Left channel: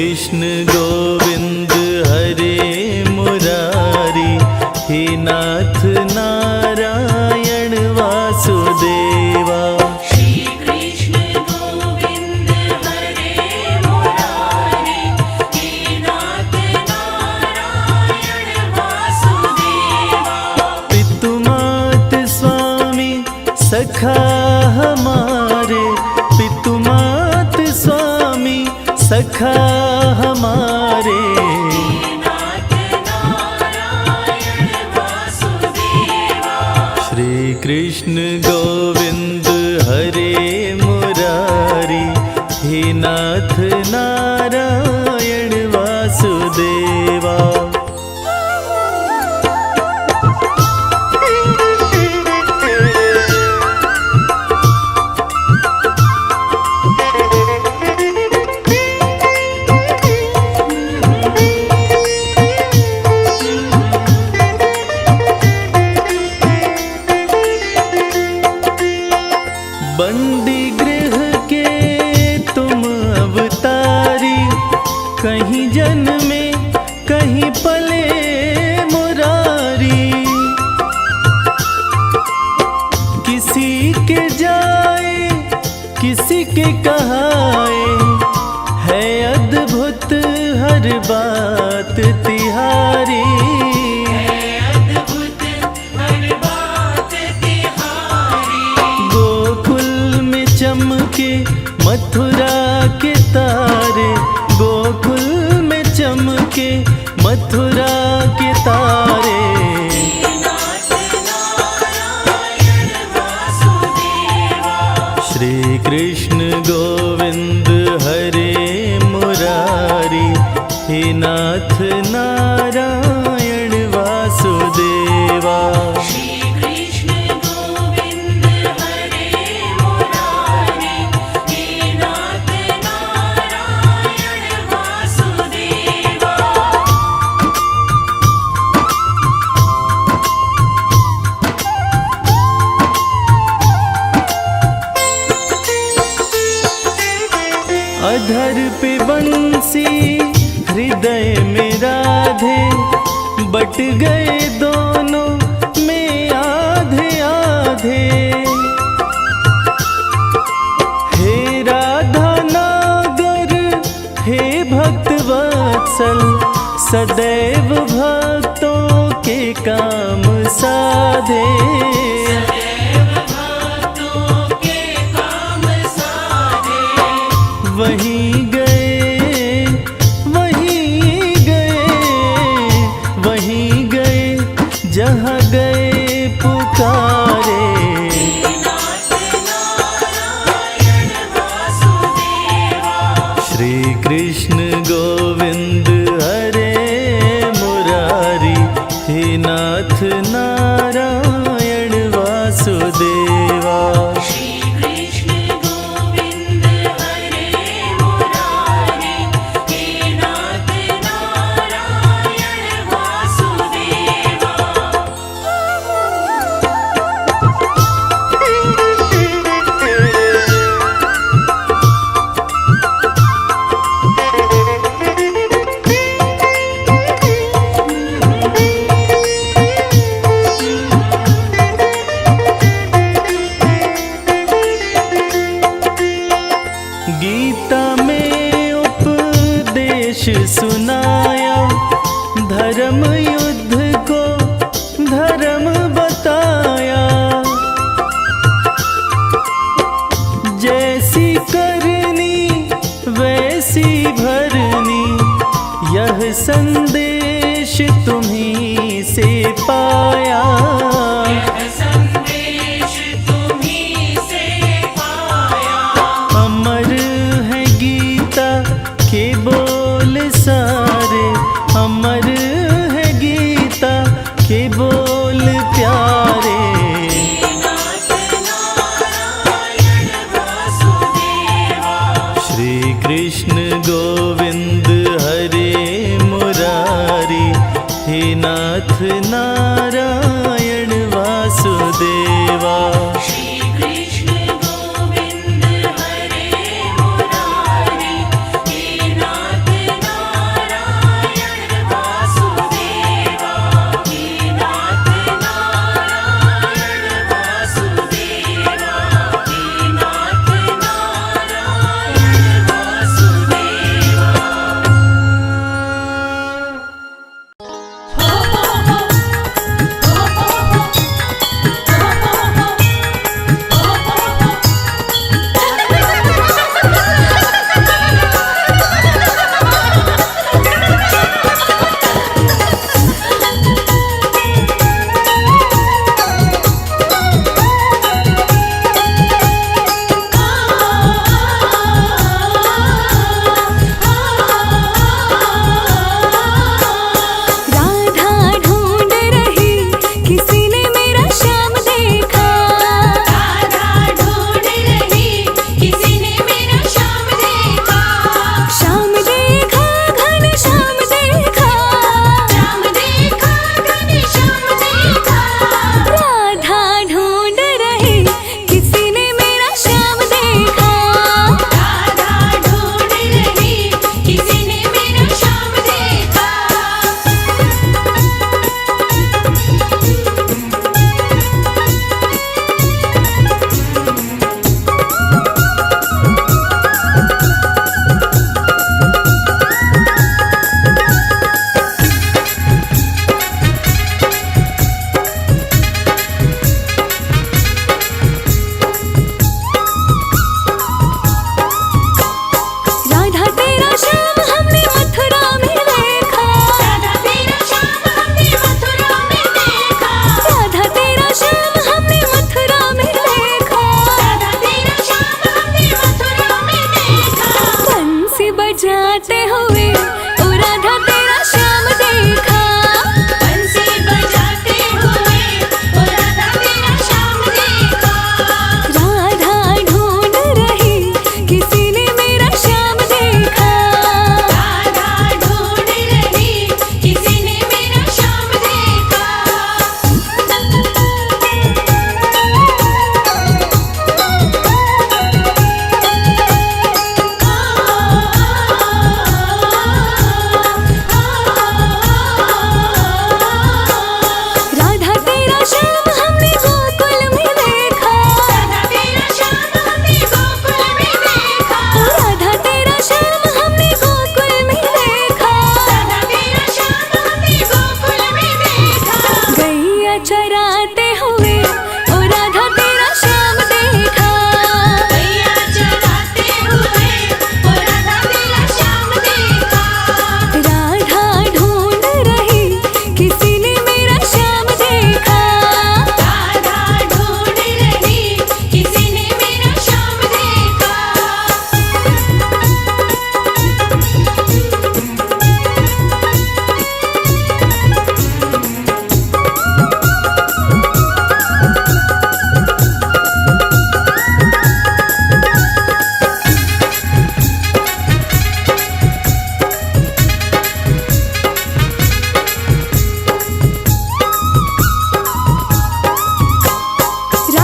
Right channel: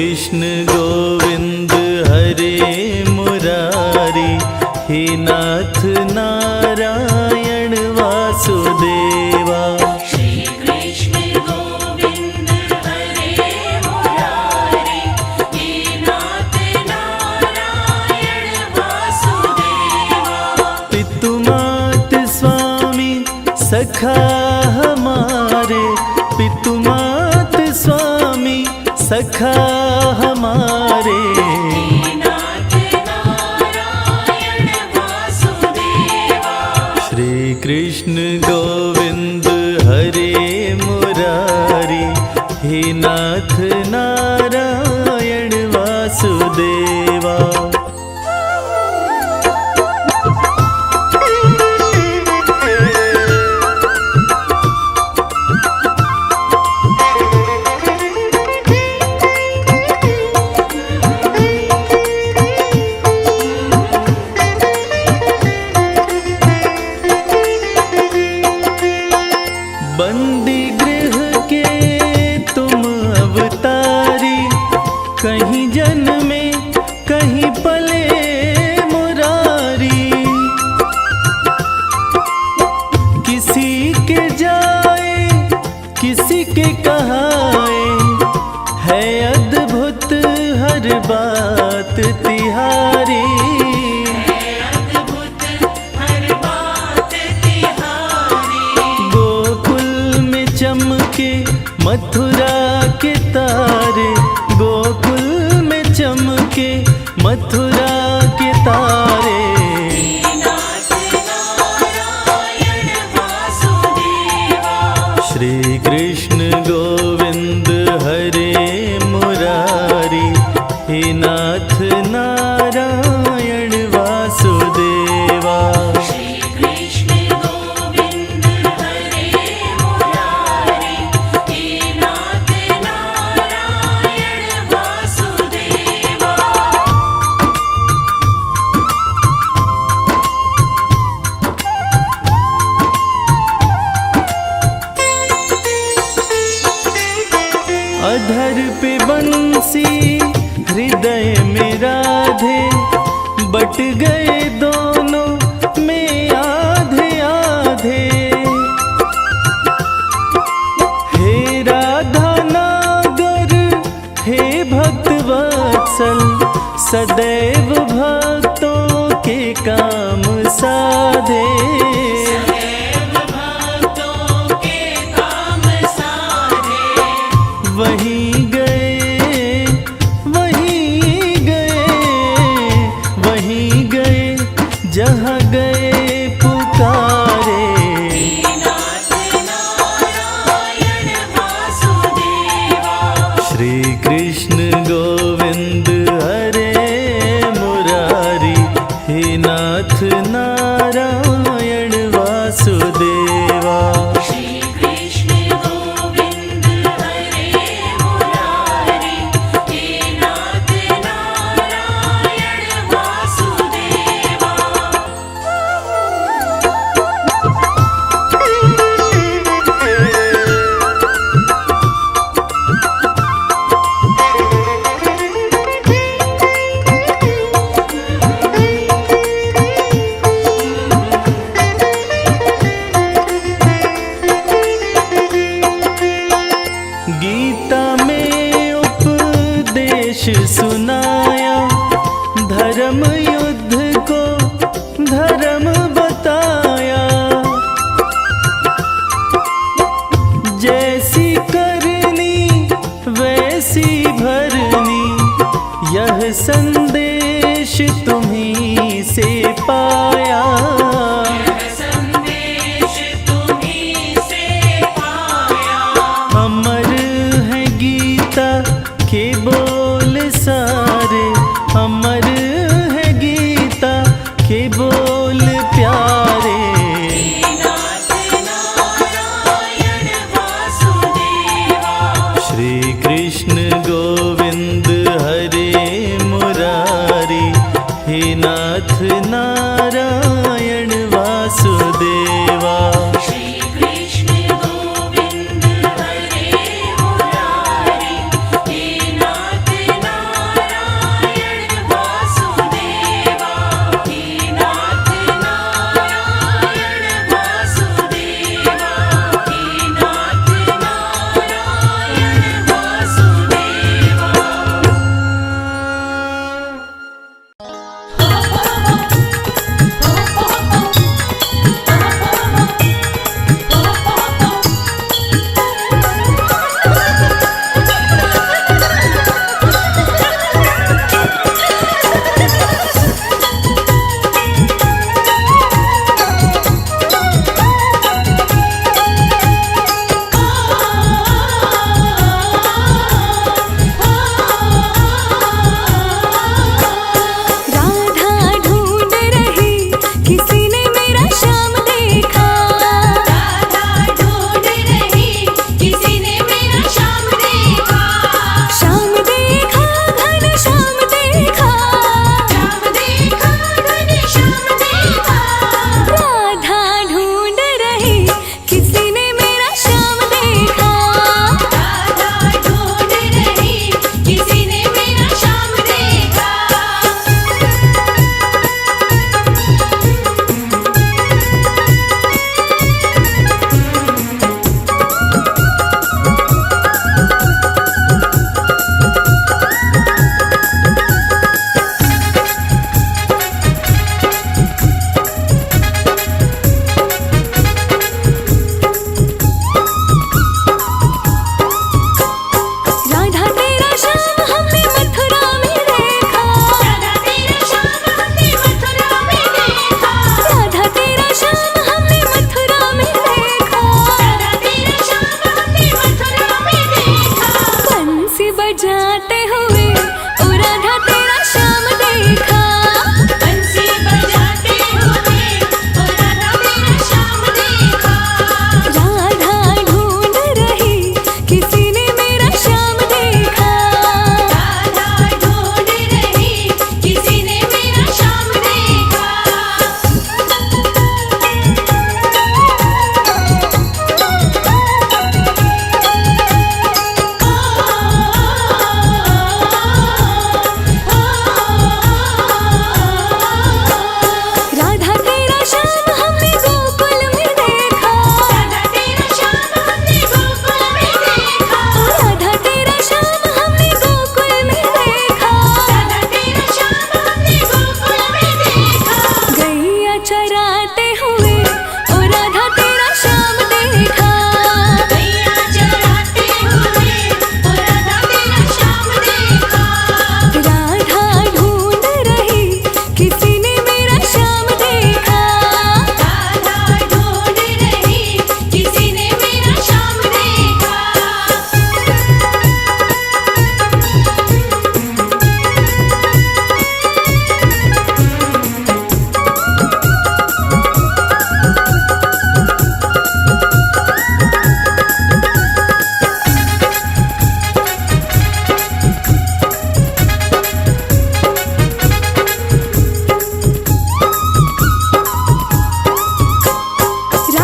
कृष्ण गोविंद हरे मुरारी, हे नाथ नारायण वासुदेवा। श्री कृष्ण गोविंद हरे मुरारी, हे नाथ नारायण वासुदेवा। पितु मात स्वामी सखा हमारे, पितु मात स्वामी सखा हमारे। श्री कृष्ण गोविंद हरे मुरारी, हे नाथ नारायण वासुदेवा। बंदी गृह के तुम अवतारी, कहीं जन्मे कहीं पले मुरारी। किसी के जाए किसी के कहाए, है अद्भुत हर बात तिहारी। चमके मथुरा के तारे, गोकुल में चमके मथुरा के तारे। श्री कृष्ण गोविंद हरे मुरारी, हे नाथ नारायण वासुदेवा। अधर पे बंसी हृदय में राधे, बट गए दोनों में आधे आधे। हे राधा नागर हे भक्त वत्सल, सदैव भक्तों के काम साधे। वहीं गए वहीं गए वहीं गए, जहाँ गए पुकारे। श्री कृष्ण गोविंद हरे मुरारी, हे नाथ नारायण वासुदेवा। गीता में उपदेश सुनाया, धर्म युद्ध को धर्म बताया। जैसी करनी वैसी भरनी, यह संदेश तुम्हीं से पाया। अमर है गीता के बोल सारे, अमर है गीता के बोल प्यारे। श्री कृष्ण गोविंद हरे मुरारी, हे नाथ नारायण वासुदेवा। श्री कृष्ण गोविंद हरे मुरारी, हे नाथ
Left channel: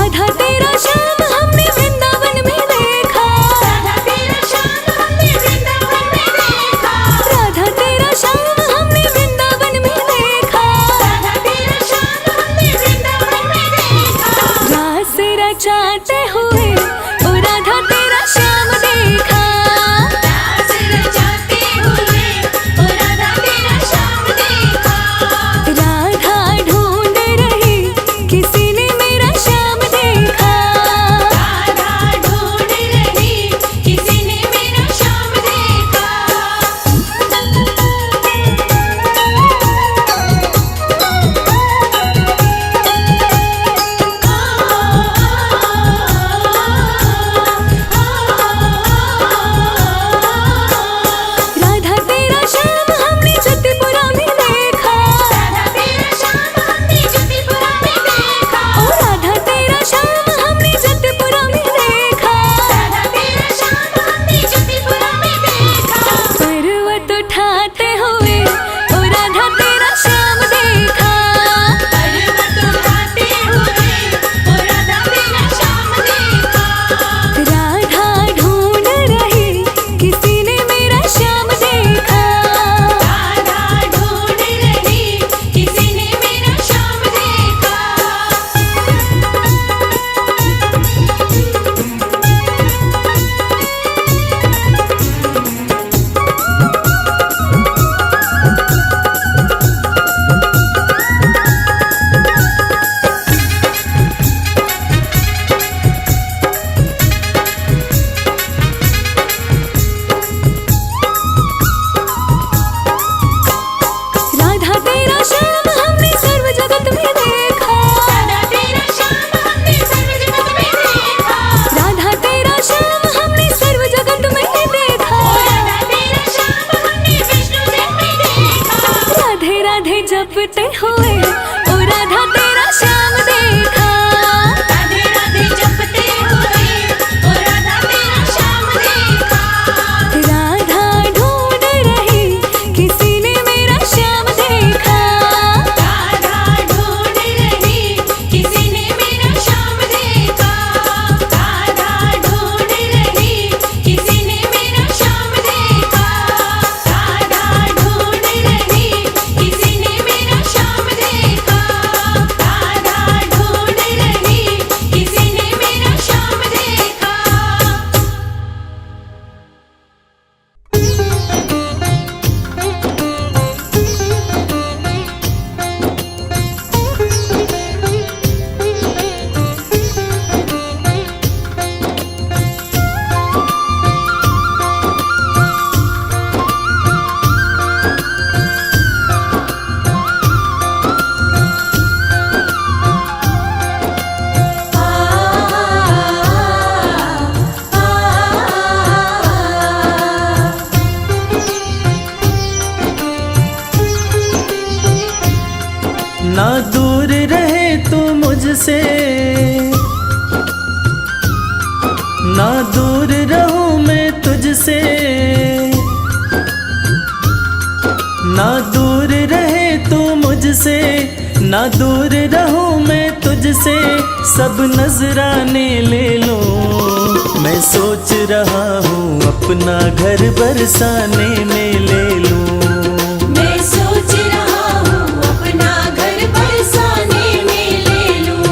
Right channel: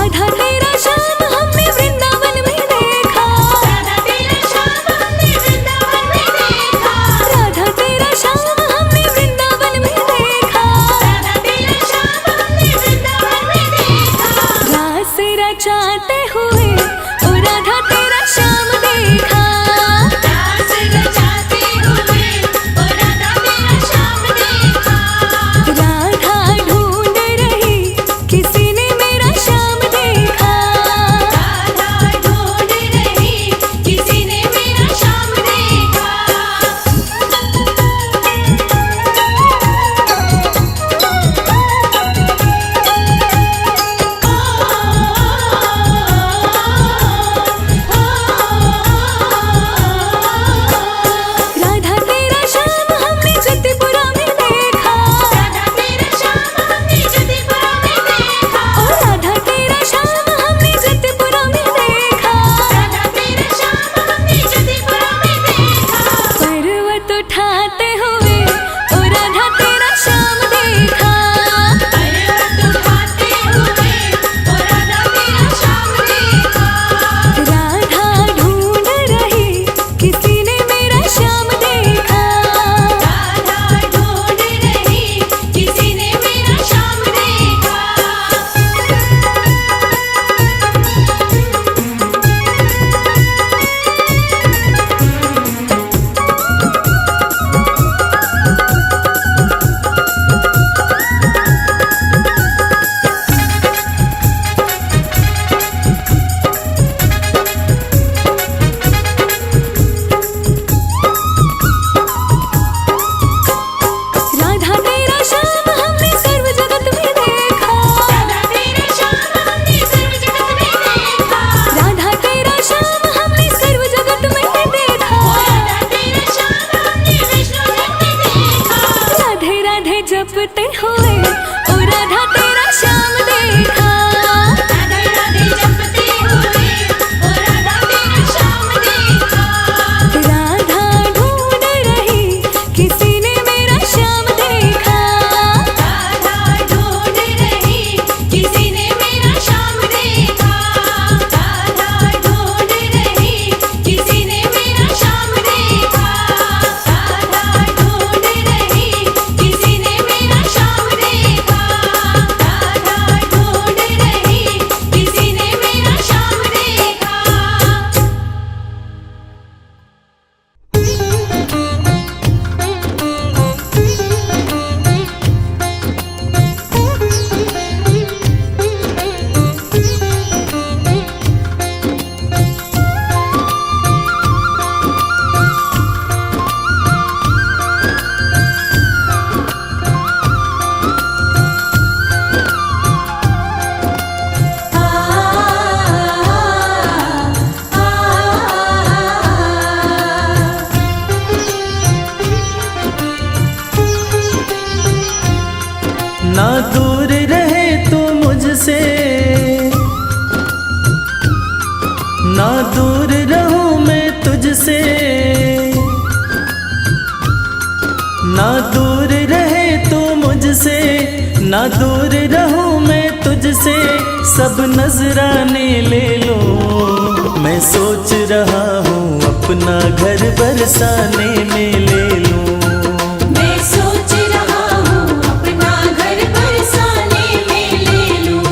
राधा तेरा श्याम हमने वृंदावन में देखा, राधा तेरा श्याम हमने वृंदावन में देखा, राधा तेरा श्याम हमने वृंदावन में देखा, राधा तेरा श्याम हमने वृंदावन में देखा। रास रचाते हुए ओ राधा तेरा श्याम देखा, रास रचाते हुए ओ राधा तेरा श्याम देखा। राधा ढूंढ रही किसी ने मेरा श्याम देखा, राधा ढूंढ रही किसी ने मेरा श्याम देखा। राधा तेरा श्याम हमने जतिपुरा में देखा, राधा तेरा श्याम हमने जतिपुरा में देखा, ओ राधा तेरा श्याम हमने जतिपुरा में देखा, राधा तेरा श्याम हमने जतिपुरा में देखा। पर्वत उठाते हुए ओ राधा तेरा श्याम देखा, पर्वत उठाते हुए ओ राधा तेरा श्याम देखा। राधा ढूंढ रही किसी ने मेरा श्याम देखा, राधा ढूंढ रही किसी ने मेरा श्याम देखा। राधा तेरा श्याम हमने सर्व जगत में देखा, राधा तेरा श्याम हमने सर्व जगत में देखा, राधा तेरा श्याम हमने सर्व जगत में देखा, राधा तेरा श्याम हमने विष्णु जन में देखा। राधे राधे जपते हुए ओ राधा तेरा श्याम देखा, राधे राधे जपते हुए ओ राधा तेरा श्याम देखा। राधा ढूंढ रही किसी ने मेरा श्याम देखा, राधा ढूंढ रही किसी ने मेरा श्याम देखा। राधा ढूंढ रही किसी ने मेरा श्याम देखा। राधा ढूंढ रही किसी ने मेरा श्याम देखा। राधा ढूंढ रही किसी ने मेरा श्याम देखा। ना दूर रहे तू मुझसे, ना दूर रहूं मैं तुझसे, ना दूर रहे तू मुझसे, ना दूर रहूं मैं तुझसे, सब नजराने ले लो। मैं सोच रहा हूँ अपना घर बरसाने में ले लूं। मैं सोच रहा हूँ अपना घर बरसाने में ले लूं।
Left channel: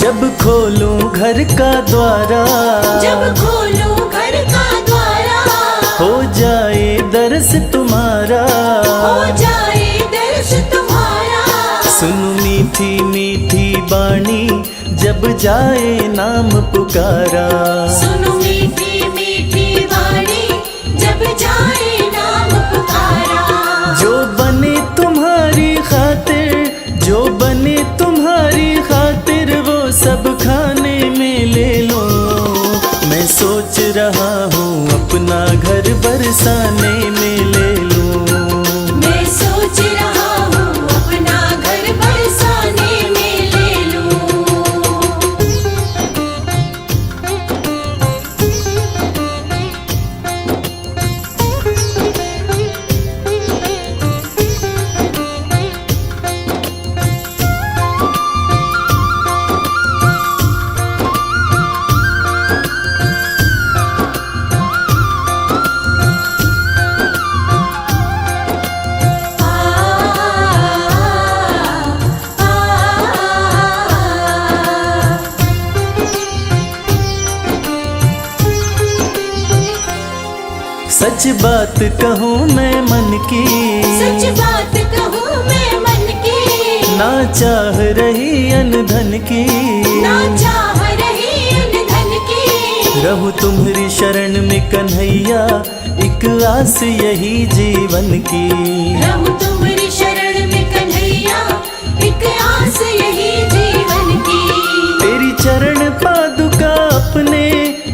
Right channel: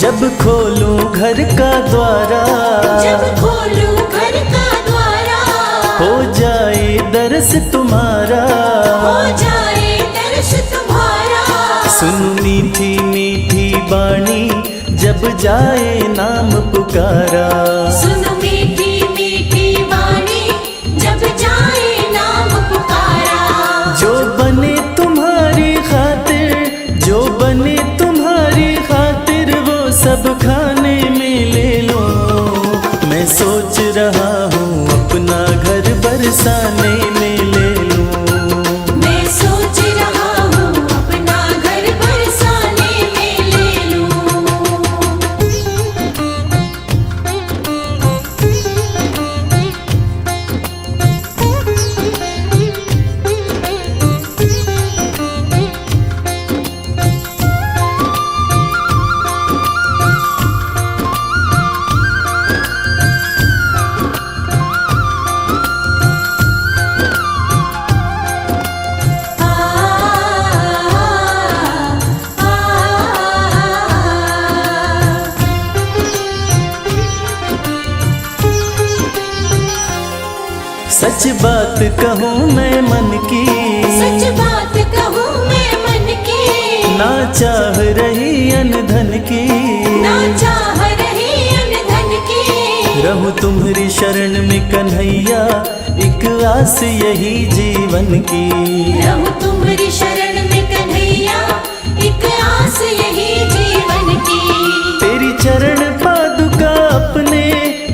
जब खोलूं घर का द्वारा, जब खोलूं घर का द्वारा, हो जाए दर्श तुम्हारा। हो जाए दर्श तुम्हारा। सुन मीठी मीठी बाणी जब जाए नाम पुकारा। सुनो मीठी मीठी वाणी जब जाए नाम पुकारा। जो बने तुम्हारी खातिर, जो बने तुम्हारी खातिर, वो सब खाने में ले लो। मैं सोच रहा हूँ अपना घर बरसाने में ले लूं। मैं सोच रहा हूँ अपना घर बरसाने सच बात कहूँ मैं मन की, सच बात कहूँ मैं मन की, ना चाह रही अन धन की, ना चाह रही अन धन की। रहूं तुम्हारी शरण में कन्हैया, एक आस यही जीवन की। रहूं तुम्हारी शरण में कन्हैया, एक आस यही जीवन की। तेरी चरण पादुका अपने,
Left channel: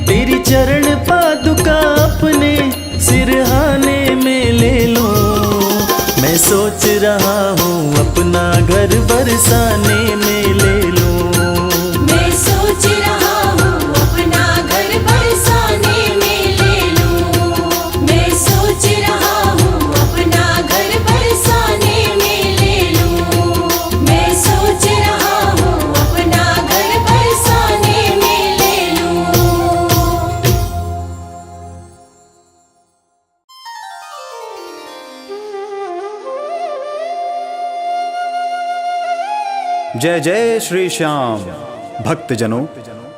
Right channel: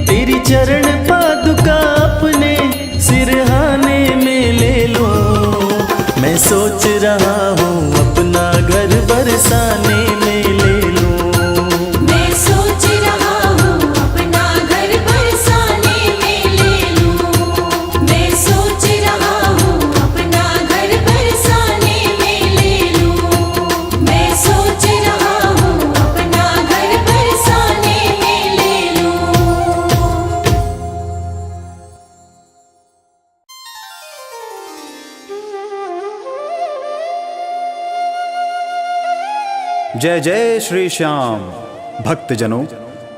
तेरी चरण पादुका अपने सिरहाने में ले लूं। मैं सोच रहा हूँ अपना घर बरसाने में ले लूं। मैं सोच रहा हूँ अपना घर बरसाने में ले लूं। मैं सोच रहा हूँ अपना घर बरसाने में ले लूं। मैं सोच रहा हूँ अपना घर बरसाने में ले लूं। जय जय श्री श्याम। भक्तजनों,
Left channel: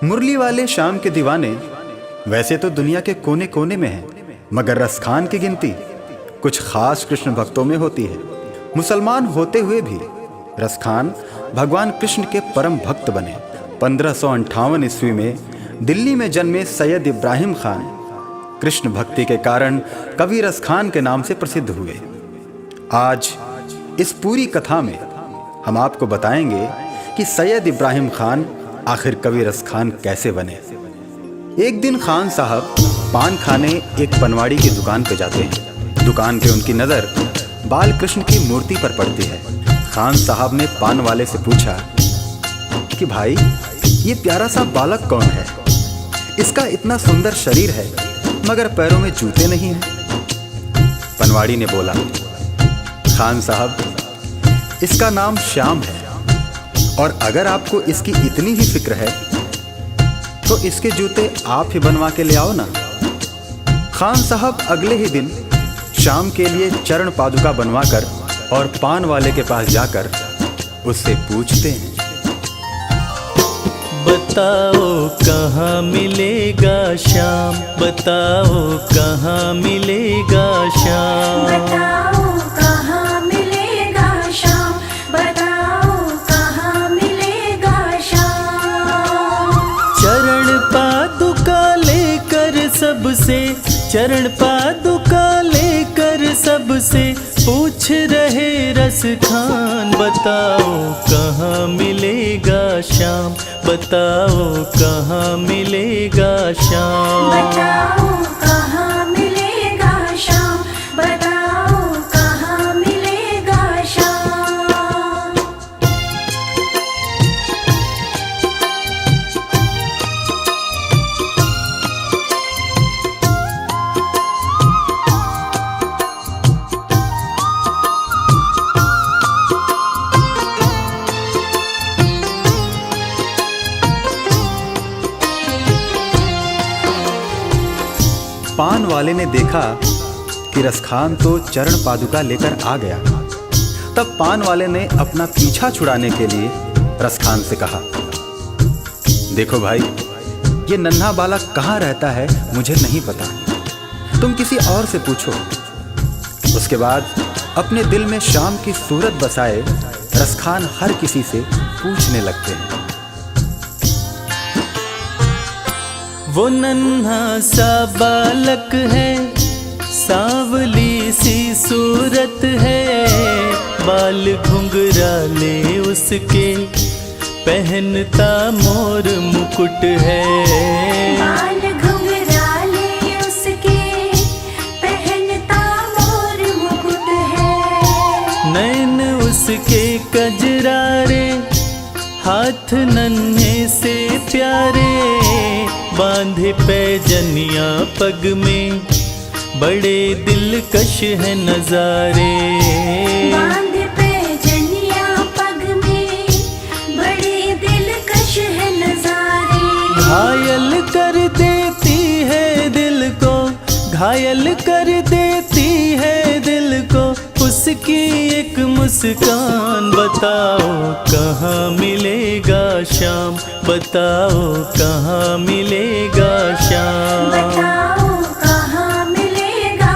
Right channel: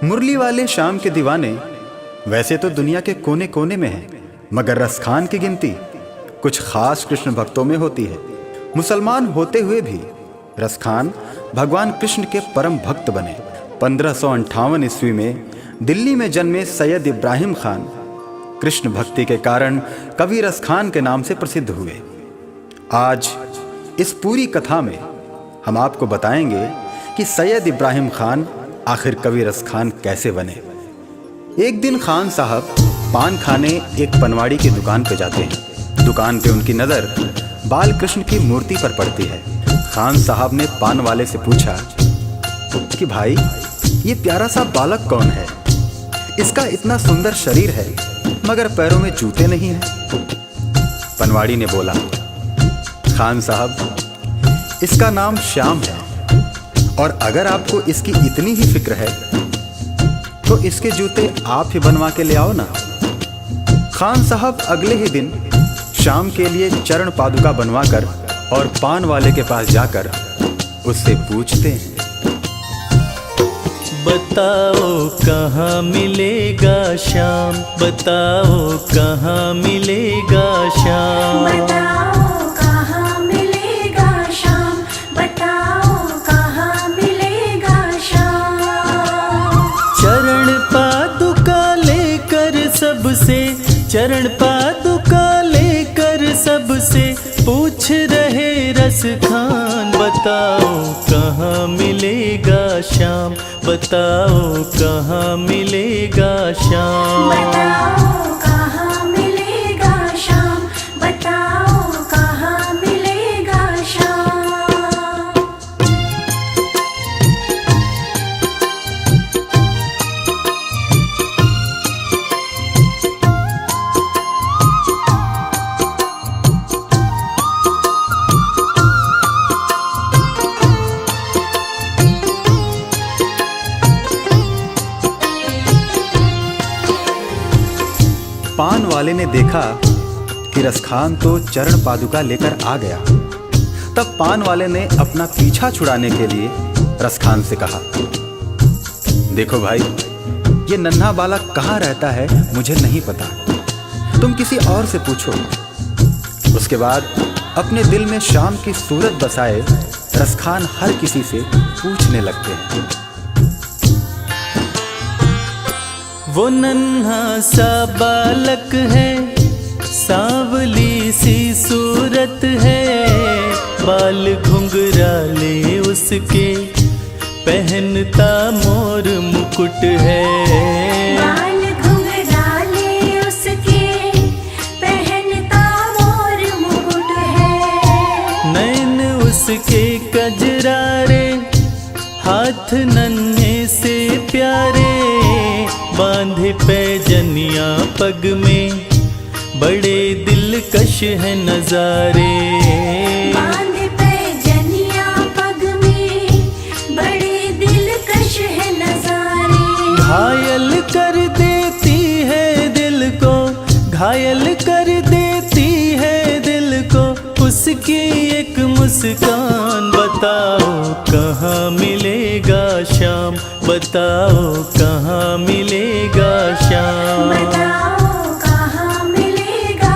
मुरली वाले श्याम के दीवाने वैसे तो दुनिया के कोने कोने में हैं, मगर रसखान की गिनती कुछ खास कृष्ण भक्तों में होती है। मुसलमान होते हुए भी रसखान भगवान कृष्ण के परम भक्त बने। 1558 ईस्वी में दिल्ली में जन्मे सैयद इब्राहिम खान कृष्ण भक्ति के कारण कवि रसखान के नाम से प्रसिद्ध हुए। आज इस पूरी कथा में हम आपको बताएंगे कि सैयद इब्राहिम खान आखिर कवि रसखान कैसे बने। एक दिन खान साहब पान खाने एक पनवाड़ी की दुकान पर जाते हैं। दुकान पे उनकी नज़र बाल कृष्ण की मूर्ति पर पड़ती है। खान साहब ने पान वाले से पूछा कि भाई, ये प्यारा सा बालक कौन है? इसका इतना सुंदर शरीर है मगर पैरों में जूते नहीं हैं। पनवाड़ी ने बोला, खान साहब, इसका नाम श्याम है और अगर आपको इसकी इतनी ही फिक्र है तो इसके जूते आप ही बनवा के ले आओ ना। खान साहब अगले ही दिन श्याम के लिए चरण पादुका बनवाकर और पान वाले के पास जाकर उससे पूछते हैं, बताओ कहाँ मिलेगा श्याम, बताओ कहाँ मिलेगा श्याम। बताओ कहाँ मिलेगा श्याम, बताओ कहाँ मिलेगा श्याम। चरण पादुका लेकर सबसे, चरण पादुका लेकर सबसे पूछ रहे रसखान। बताओ कहाँ मिलेगा श्याम, बताओ कहाँ मिलेगा श्याम। बताओ कहाँ मिलेगा श्याम, बताओ कहाँ मिलेगा श्याम। पान वाले ने देखा कि रसखान तो चरण पादुका लेकर आ गया। तब पान वाले ने अपना पीछा छुड़ाने के लिए रसखान से कहा, देखो भाई, ये नन्हा बालक कहाँ रहता है मुझे नहीं पता, तुम किसी और से पूछो। उसके बाद अपने दिल में श्याम की सूरत बसाए रसखान हर किसी से पूछने लगते हैं। वो नन्हा सा बालक है, सांवली सी सूरत है, बाल घुंघराले उसके, पहनता मोर मुकुट है। बाल घुंघराले उसके, पहनता मोर मुकुट है। नैन उसके कजरारे, हाथ नन्हे से प्यारे, बांधे पैजनिया पग में, बड़े दिलकश है नजारे। बांधे पैजनिया पग में, बड़े दिलकश है नजारे। घायल कर देती है दिल को, घायल कर देती है दिल को उसकी एक मुस्कान। बताओ कहाँ मिलेगा श्याम, बताओ कहाँ मिलेगा श्याम। बताओ कहाँ मिलेगा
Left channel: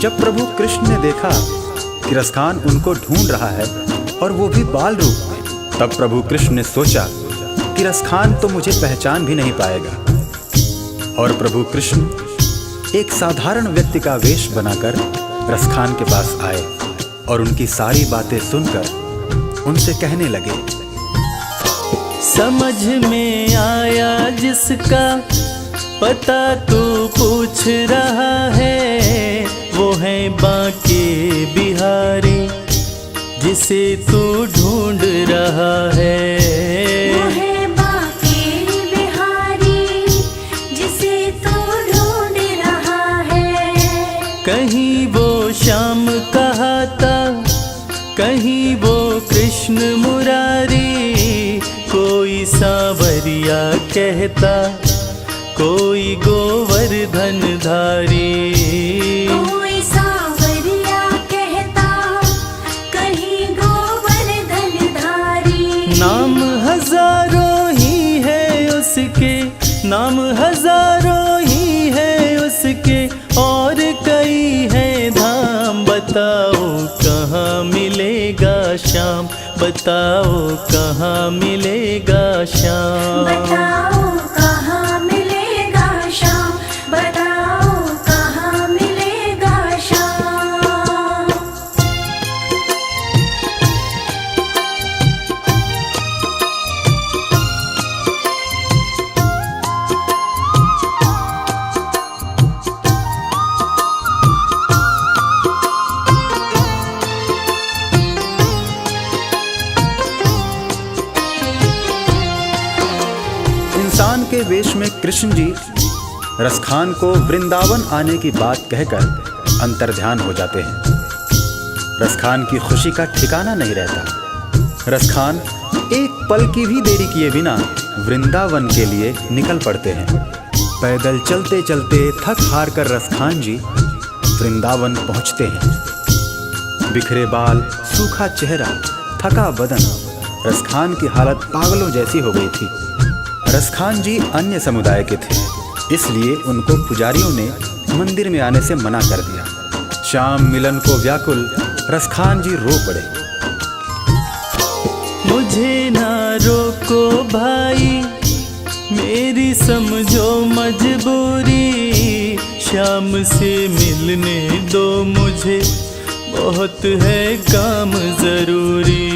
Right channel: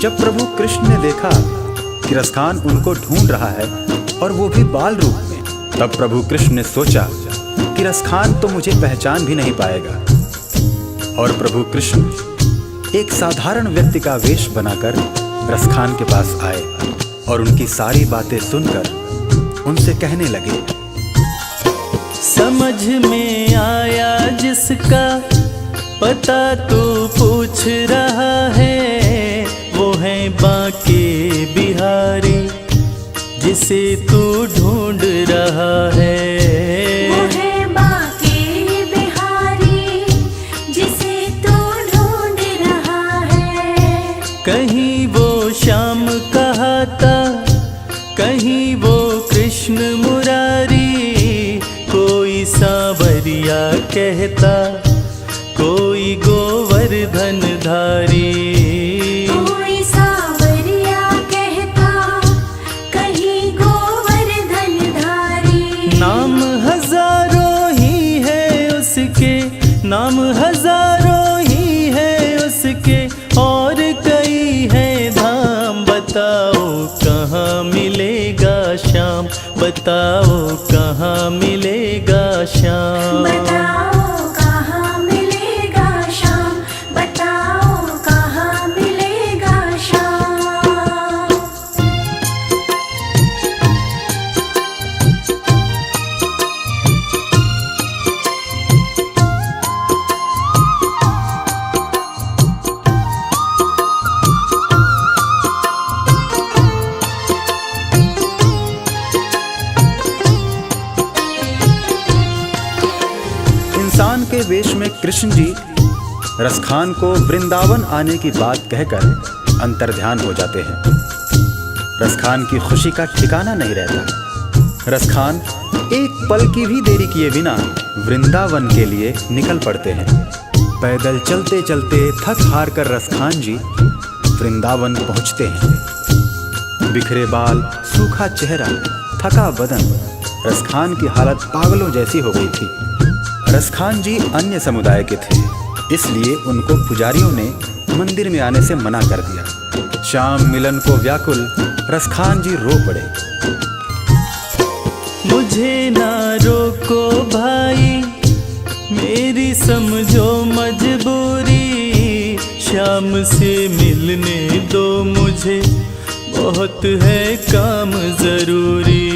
जब प्रभु कृष्ण ने देखा कि रसखान उनको ढूंढ रहा है और वो भी बाल रूप में, तब प्रभु कृष्ण ने सोचा कि रसखान तो मुझे पहचान भी नहीं पाएगा। और प्रभु कृष्ण एक साधारण व्यक्ति का वेश बनाकर रसखान के पास आए और उनकी सारी बातें सुनकर उनसे कहने लगे, समझ में आया जिसका पता तू पूछ रहा है, वो है बांके बिहारी जिसे तू ढूंढ रहा है। वो है बांके बिहारी जिसे तू ढूंढ रहा है। कहीं वो श्याम कहाता, कहीं वो कृष्ण मुरारी, कोई सांवरिया कहता, कोई गोवर्धन धारी। कोई सांवरिया कहता, कहीं गोवर्धन धारी। नाम हजारों ही है उसके, नाम हजारों ही है उसके, और कई है धाम। बताओ कहाँ मिलेगा श्याम, बताओ कहाँ मिलेगा श्याम। बताओ कहाँ मिलेगा श्याम, बताओ कहाँ मिलेगा श्याम। इंसान के वेश में कृष्ण जी रसखान को वृंदावन आने की बात कहकर अंतर्ध्यान हो जाते हैं। रसखान की खुशी का ठिकाना नहीं रहता। रसखान एक पल की भी देरी किए बिना वृंदावन के लिए निकल पड़ते हैं। पैदल चलते चलते थक हार कर रसखान जी वृंदावन पहुंचते हैं। बिखरे बाल, सूखा चेहरा, थका बदन, रसखान की हालत पागलों जैसी हो गई थी। रसखान जी अन्य समुदाय के थे, इसलिए उनको पुजारियों ने मंदिर में आने से मना कर दिया। शाम मिलन को व्याकुल रसखान जी रो पड़े। मुझे ना रोको भाई, मेरी समझो मजबूरी, श्याम से मिलने दो मुझे, बहुत है काम जरूरी।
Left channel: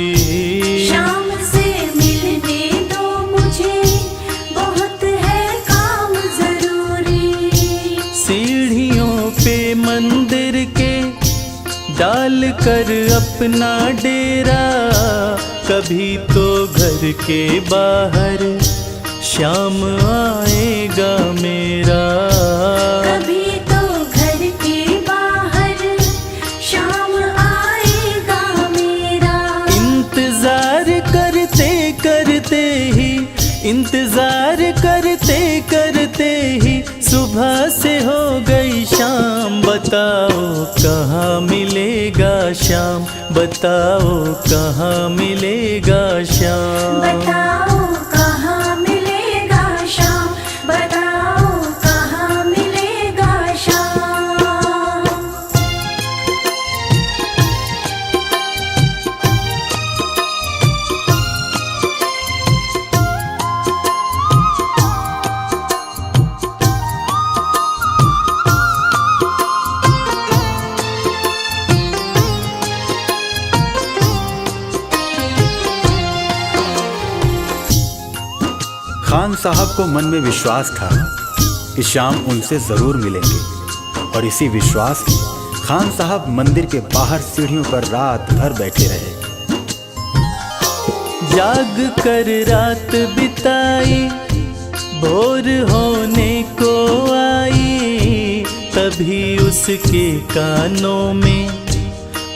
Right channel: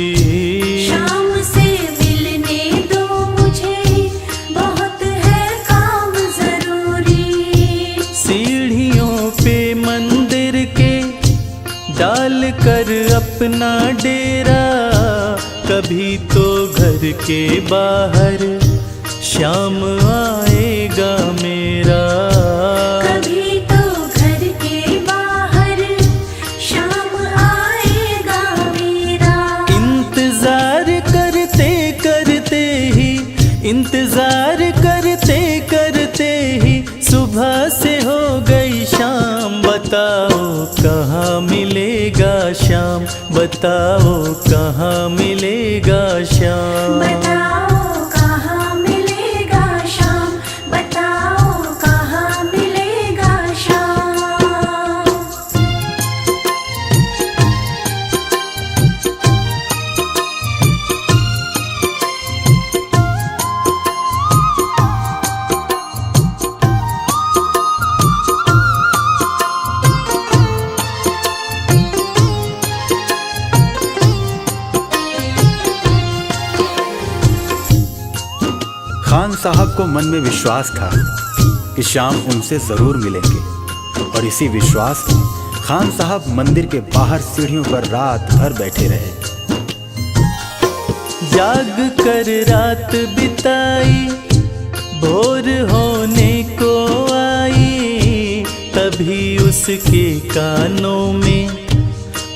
श्याम से मिलने दो मुझे, बहुत है काम जरूरी। सीढ़ियों पे मंदिर के डाल कर अपना डेरा, कभी तो घर के बाहर श्याम आएगा मेरा। कभी तो घर के बाहर श्याम आएगा मेरा। इंतजार करते करते ही, इंतजार करते करते ही सुबह से हो गई शाम। बताओ कहाँ मिलेगा श्याम, बताओ कहाँ मिलेगा श्याम। बताओ कहाँ मिलेगा श्याम, बताओ कहाँ मिलेगा श्याम। खान साहब को मन में विश्वास था कि श्याम उनसे जरूर मिलेंगे, और इसी विश्वास में खान साहब मंदिर के बाहर सीढ़ियों पर रात भर बैठे रहे। जाग कर रात बिताई, भोर होने को आई, तभी उसके कानों में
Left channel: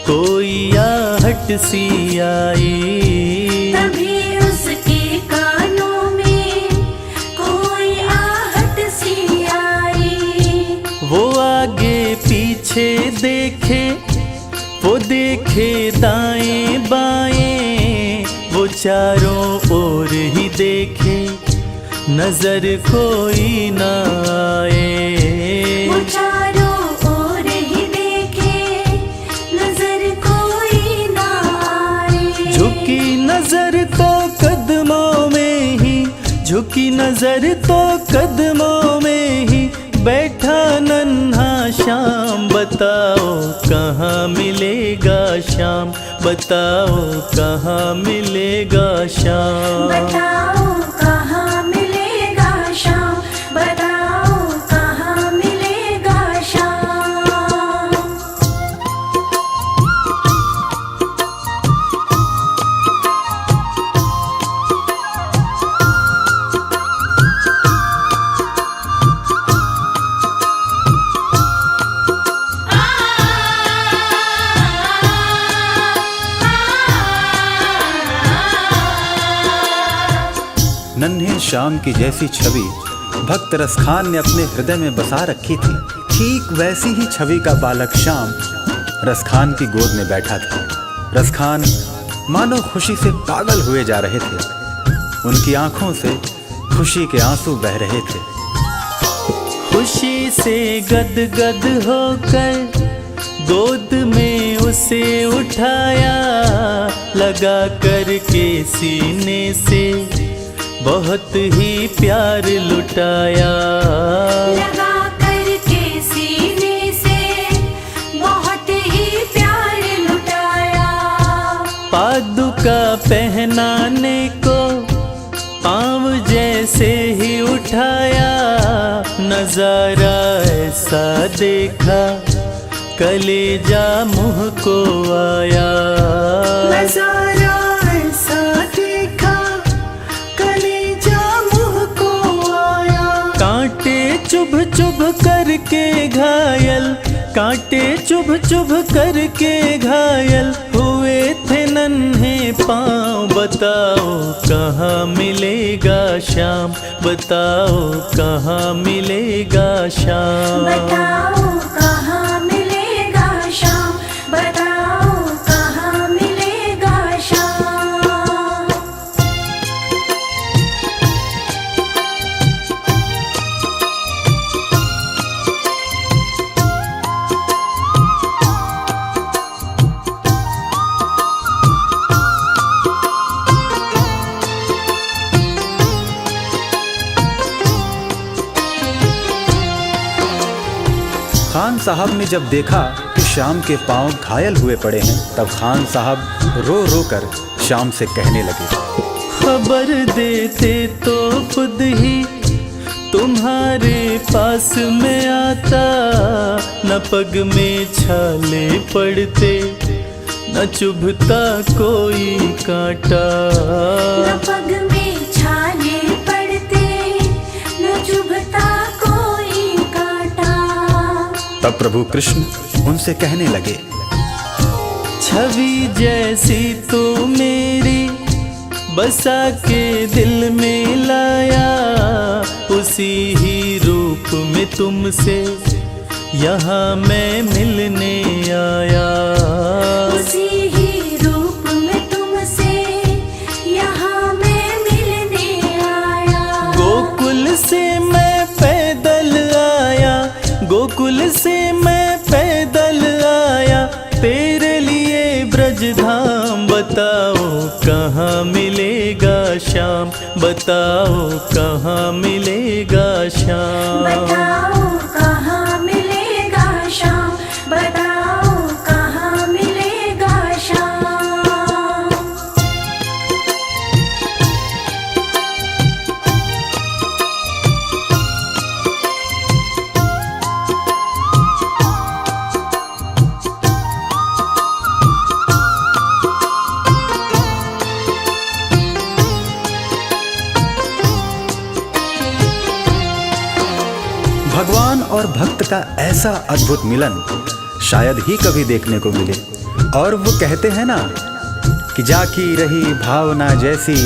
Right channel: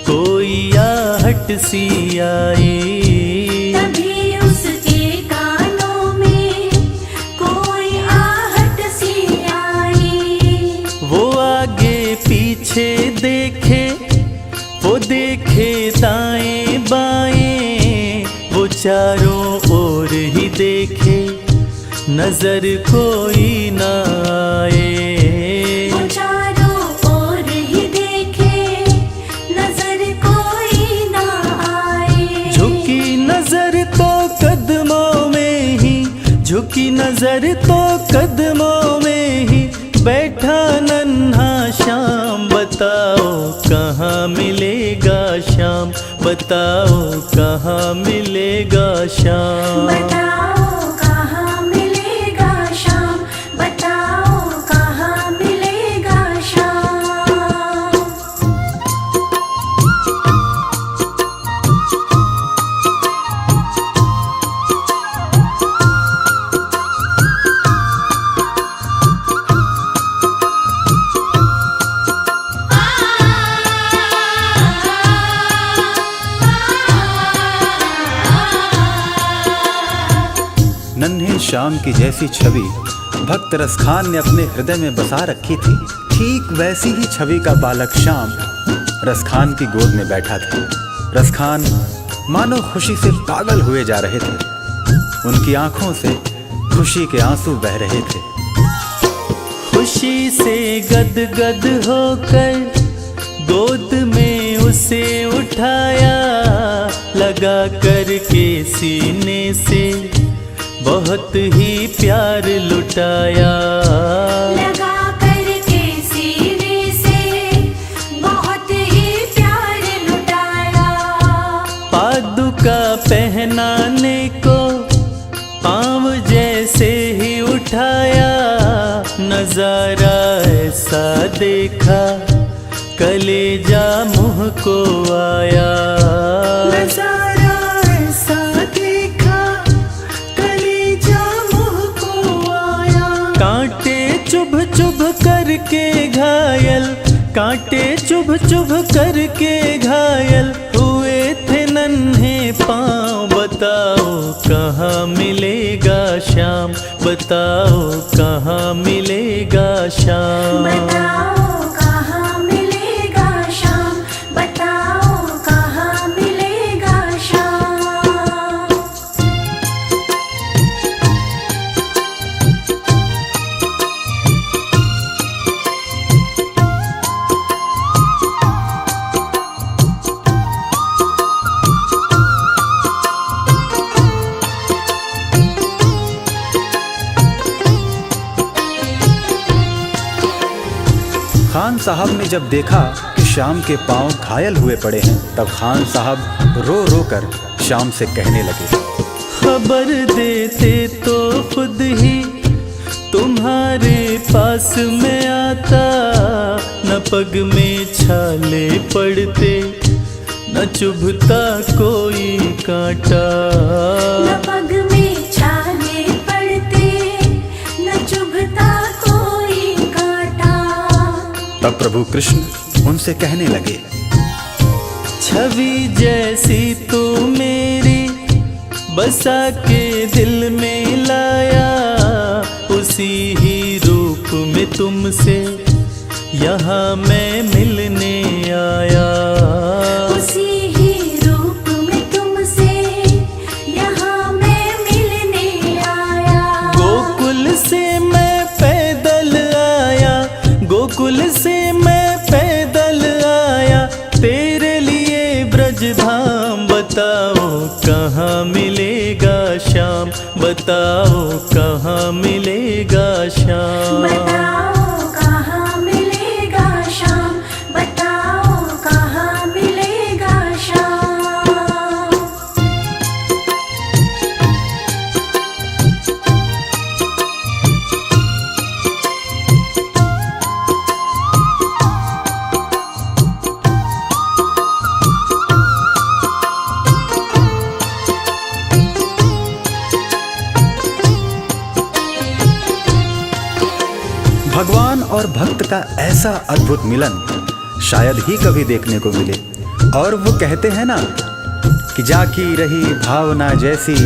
कोई आहट सी आई। तभी उसके कानों में कोई आहट सी आई। वो आगे पीछे देखे, वो देखे दाएं बाएं, वो चारों ओर ही देखे, नजर कोई ना आए। वो चारों ओर ही देखे, झुकी नजर तो कदमों में ही बैठा नन्हा श्याम, बताओ कहाँ मिलेगा श्याम, बताओ कहाँ मिलेगा श्याम। बताओ कहाँ मिलेगा श्याम, बताओ कहाँ मिलेगा श्याम। नन्हे श्याम की जैसी छवि भक्त रसखान ने अपने हृदय में बसा रखी थी, ठीक वैसी ही छवि का बालक श्याम रसखान की गोद में बैठा था। रसखान मानो खुशी से पागल हुए जा रहे थे। उनकी आंखों से खुशी के आंसू बह रहे थे। खुशी से गदगद होकर गोद में उसे उठाया, लगा करके सीने से बहुत ही प्यार लुटाया। लगा करके सीने से बहुत ही प्यार लुटाया। पादुका पहनाने को पाँव जैसे ही उठाया, नजारा ऐसा देखा कलेजा मुँह को आया। नजारा ऐसा देखा कलेजा मुँह को आया। कांटे चुभ चुभ करके घायल, कांटे चुभ चुभ करके घायल हुए थे नन्हे पाँव, बताओ कहाँ मिलेगा श्याम, बताओ कहाँ मिलेगा श्याम। बताओ कहाँ मिलेगा श्याम, बताओ कहाँ मिलेगा श्याम। खान साहब ने जब देखा कि श्याम के पांव घायल हुए पड़े हैं, तब खान साहब रो रो कर श्याम से कहने लगे, खबर देते तो खुद ही तुम्हारे पास में आता, न पग में छाले पड़ते न चुभता कोई कांटा। न पग में छाले पड़ते न चुभता कोई कांटा। तब प्रभु कृष्ण उनसे कहने लगे, छवि जैसी तू मेरी बसा के दिल में लाया, उसी ही रूप में तुमसे यहाँ मैं मिलने आया। उसी ही रूप में तुमसे यहाँ मैं मिलने आया। गोकुल से मैं पैदल आया, गोकुल से मैं पैदल आया, तेरे लिए ब्रज धाम, बताओ कहाँ मिलेगा श्याम, बताओ कहाँ मिलेगा श्याम। बताओ कहाँ मिलेगा श्याम, बताओ कहाँ मिलेगा श्याम। भगवान और भक्त का ऐसा अद्भुत मिलन शायद ही कभी देखने को मिले। और वो कहते हैं ना कि जाकी रही भावना जैसी,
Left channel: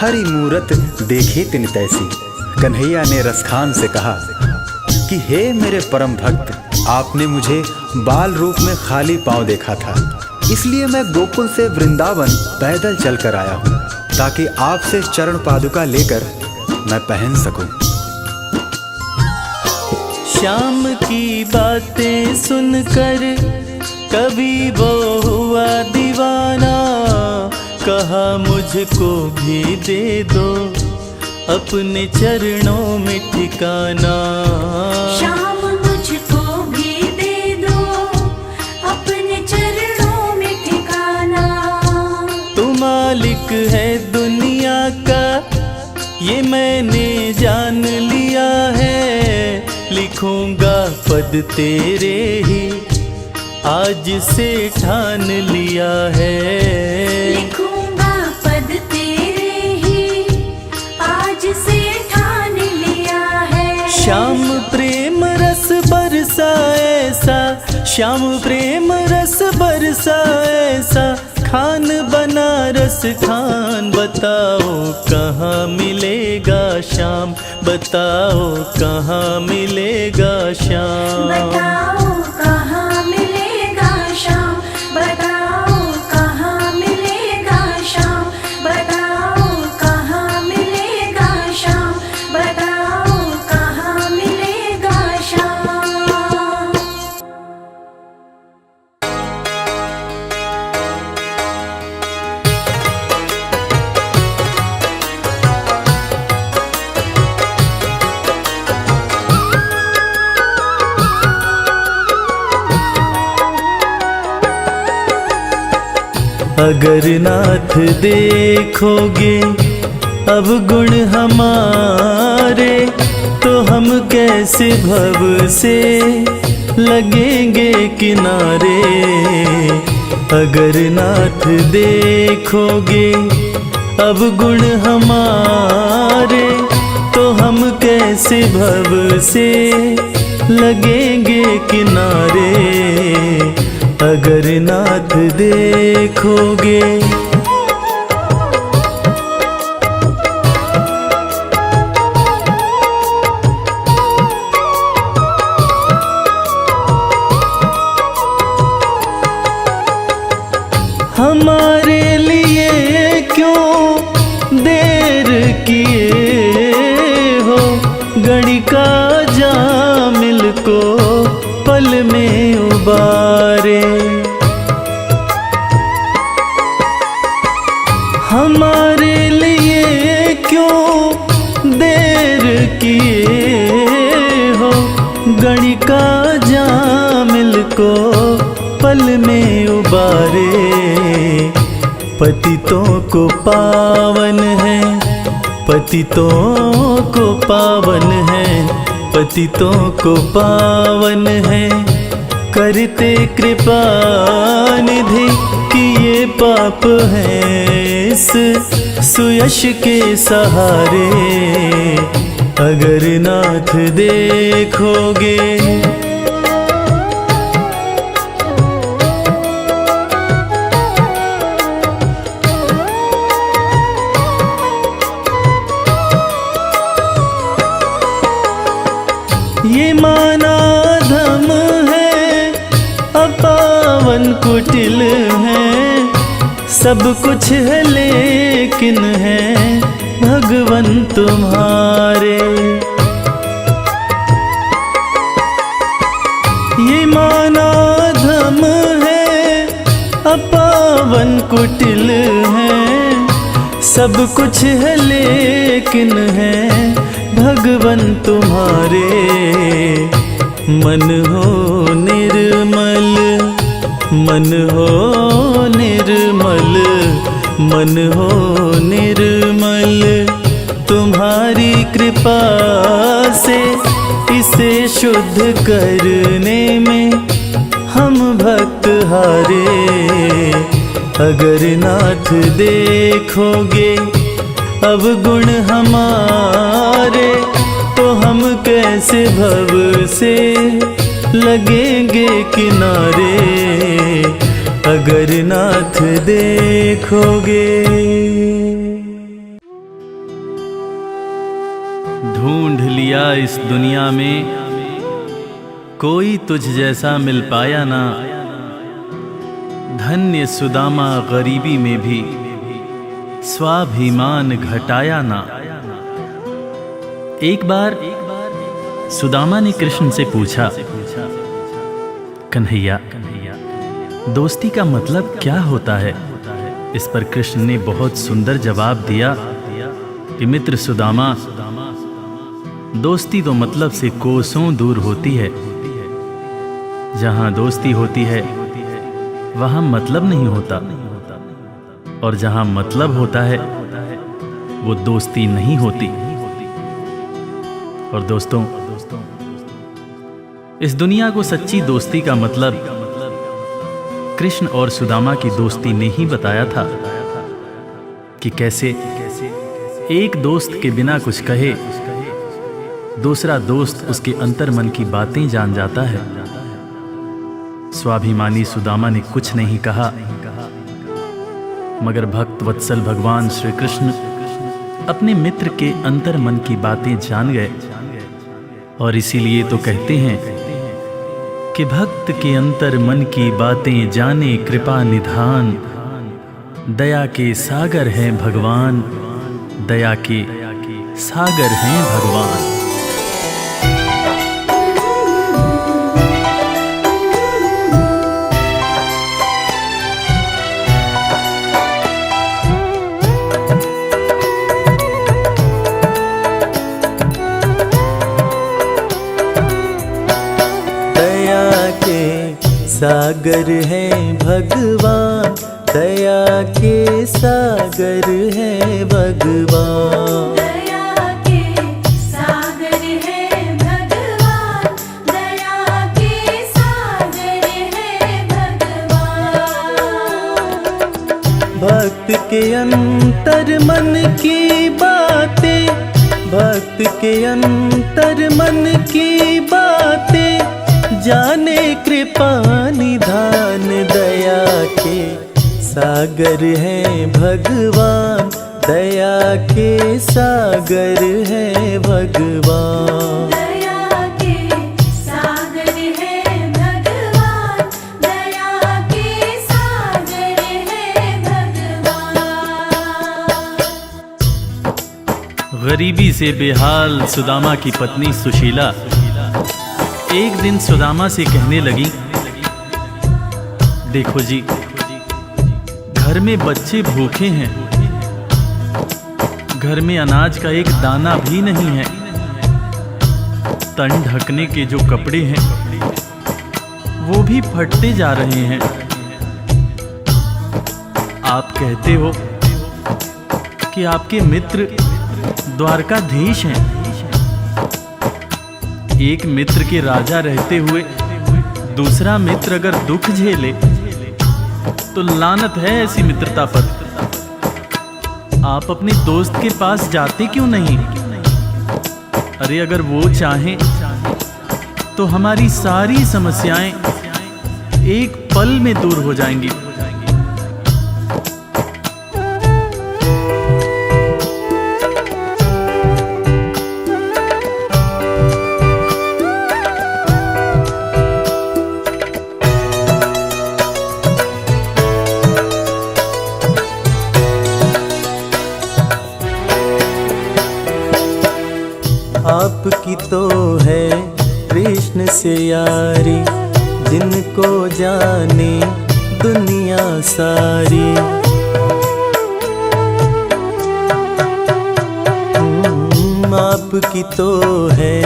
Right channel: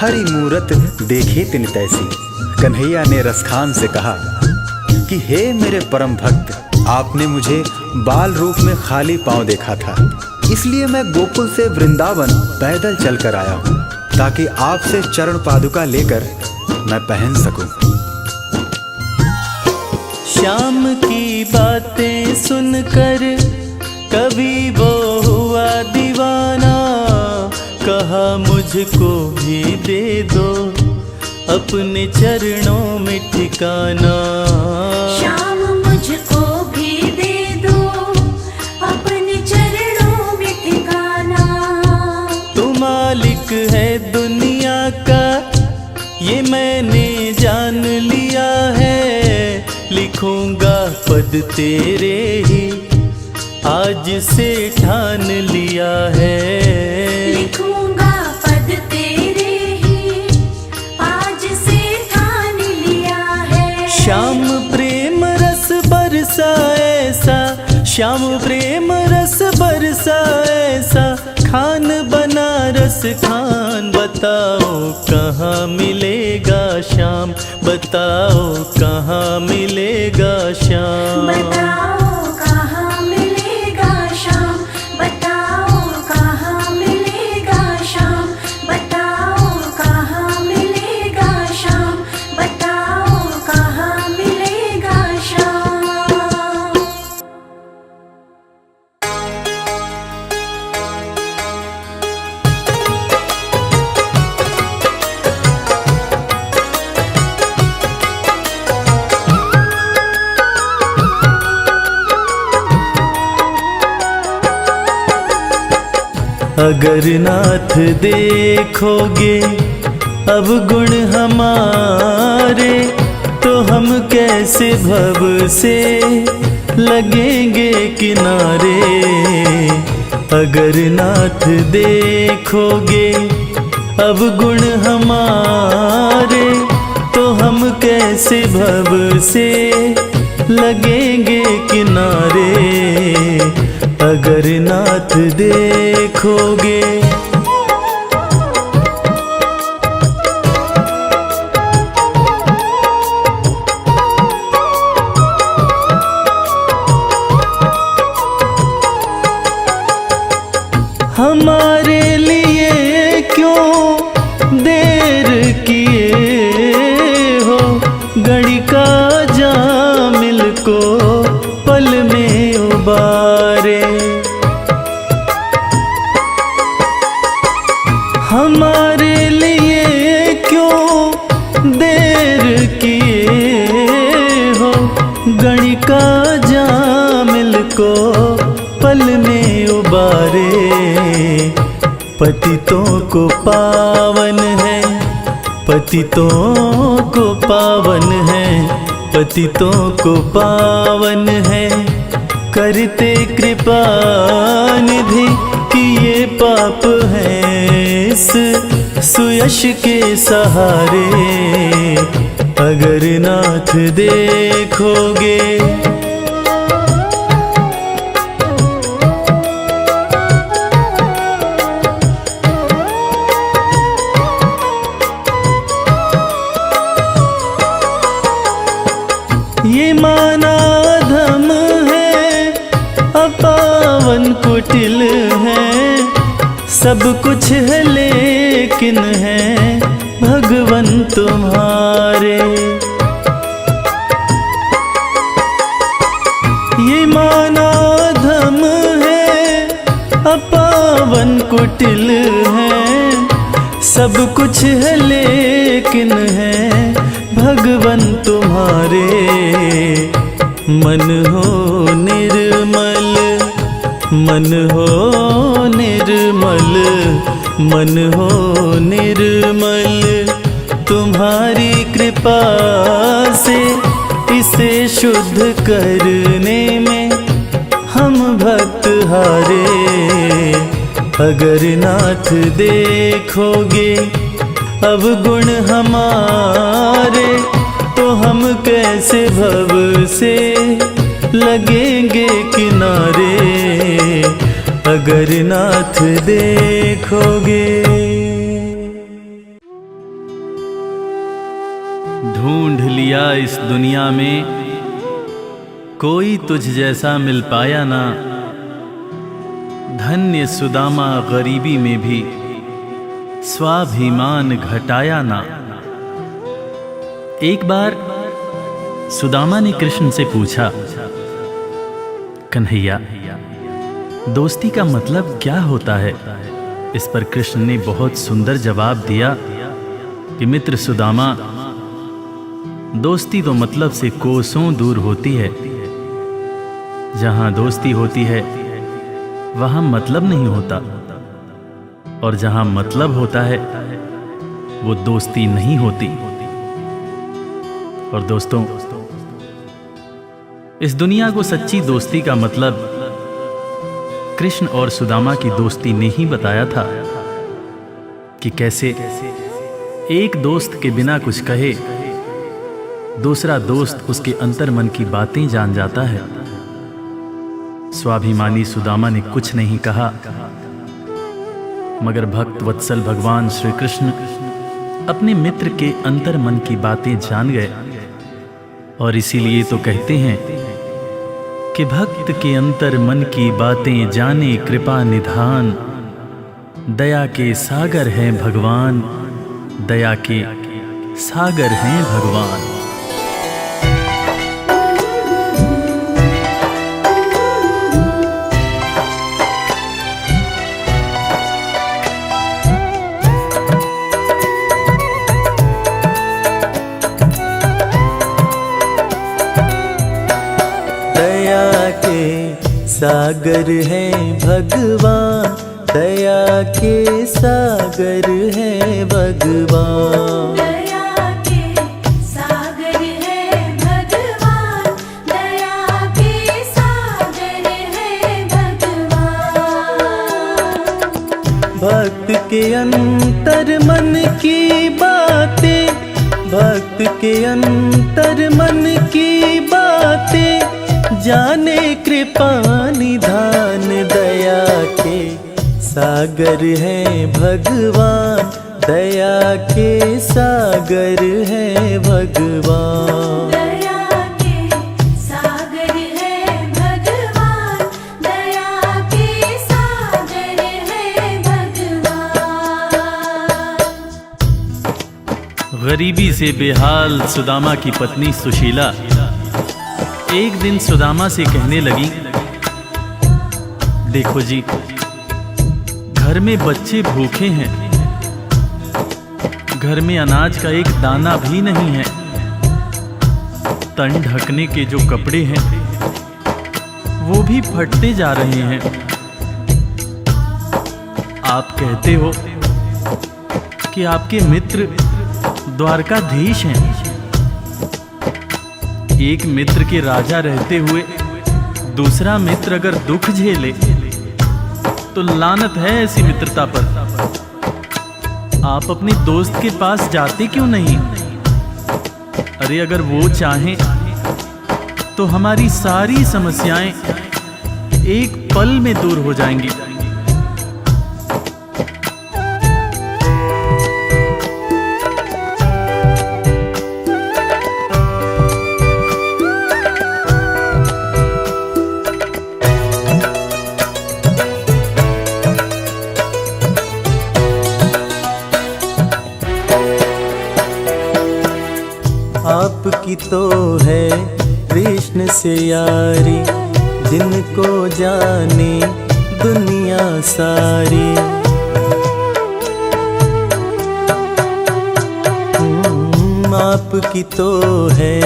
हरि मूरत देखे तिन तैसी। कन्हैया ने रसखान से कहा कि हे मेरे परम भक्त, आपने मुझे बाल रूप में खाली पांव देखा था, इसलिए मैं गोकुल से वृंदावन पैदल चलकर आया हूँ, ताकि आपसे चरण पादुका लेकर मैं पहन सकूं। श्याम की बातें सुनकर कभी वो हुआ दीवाना, कहा मुझको भी दे दो अपने चरणों में ठिकाना। श्याम मुझको भी दे दो अपने चरणों में ठिकाना। तू मालिक है दुनिया का ये मैंने जान लिया है, लिखूंगा पद तेरे ही आज से ठान लिया है। लिखूंगा पद तेरे ही आज से ठान लिया है। श्याम प्रेम रस बरसा ऐसा, श्याम प्रेम रस बरसा ऐसा, खान बनारस खान। बताओ कहाँ मिलेगा श्याम, बताओ कहाँ मिलेगा श्याम। बताओ कहाँ मिलेगा श्याम, बताओ कहाँ मिलेगा श्याम, बताओ कहाँ मिलेगा श्याम, बताओ कहाँ मिलेगा श्याम। अगर नाथ देखोगे अब गुण हमारे, तो हम कैसे भव से लगेंगे किनारे। अगर नाथ देखोगे अब गुण हमारे, तो हम कैसे भव से लगेंगे किनारे। अगर नाथ देखोगे हमारे लिए क्यों देर किए हो, घड़ी का जामिल को पल में उबारे। हमारे लिए क्यों देर किए हो, घड़ी का जामिल को पल में उबारे। पतितों को पावन है, पतितों को पावन है, पतितों को पावन है, करते कृपा निधि कि ये पाप हैं इस सुयश के सहारे। अगर नाथ देखोगे ये माना धम है, अपावन कुटिल है, सब कुछ है लेकिन है भगवन तुम्हारे। ये माना धम है, अपावन कुटिल है, सब कुछ है लेकिन है भगवन तुम्हारे। मन हो निर्मल, मन हो निर्मल, मन हो निर्मल, तुम्हारी कृपा से इसे शुद्ध करने में हम भक्त हारे। अगर नाथ देखोगे अब गुण हमारे, तो हम कैसे भव से लगेंगे किनारे। अगर नाथ देखोगे ढूंढ लिया इस दुनिया में, कोई तुझ जैसा मिल पाया ना। धन्य सुदामा गरीबी में भी स्वाभिमान घटाया ना। एक बार सुदामा ने कृष्ण से पूछा, कन्हैया दोस्ती का मतलब क्या होता है? इस पर कृष्ण ने बहुत सुंदर जवाब दिया, कि मित्र सुदामा, दोस्ती तो मतलब से कोसों दूर होती है। जहां दोस्ती होती है वहां मतलब नहीं होता, और जहां मतलब होता है वो दोस्ती नहीं होती। और दोस्तों, इस दुनिया को सच्ची दोस्ती का मतलब कृष्ण और सुदामा की दोस्ती ने ही बताया था कि कैसे एक दोस्त के बिना कुछ कहे दूसरा दोस्त उसके अंतर्मन की बातें जान जाता है। स्वाभिमानी सुदामा ने कुछ नहीं कहा, मगर भक्त वत्सल भगवान श्री कृष्ण अपने मित्र के अंतर्मन की बातें जान गए। और इसीलिए तो कहते हैं कि भक्त के अंतर मन की बातें जाने कृपा निधान, दया के सागर हैं भगवान, दया के सागर हैं भगवान। दया के सागर हैं भगवान, दया के सागर हैं भगवान। दया के सागर है भगवान, दया के सागर है भगवान। भक्त के अंतर मन की बातें, भक्त के अंतर मन की बातें जाने कृपा निधान, दया के सागर हैं भगवान, दया के सागर हैं भगवान। दया के सागर है भगवान, दया के सागर है भगवान। गरीबी से बेहाल सुदामा की पत्नी सुशीला एक दिन सुदामा से कहने लगी, देखो जी, घर में बच्चे भूखे हैं, घर में अनाज का एक दाना भी नहीं है, तन ढकने के जो कपड़े हैं वो भी फटते जा रहे हैं। आप कहते हो कि आपके मित्र द्वारकाधीश हैं। एक मित्र के राजा रहते हुए दूसरा मित्र अगर दुख झेले तो लानत है ऐसी मित्रता पर। आप अपने दोस्त के पास जाते क्यों नहीं? अरे अगर वो चाहें तो हमारी सारी समस्याएं एक पल में दूर हो जाएंगी। आपकी तो है कृष्ण से यारी, जिनको जाने दुनिया सारी। आपकी तो है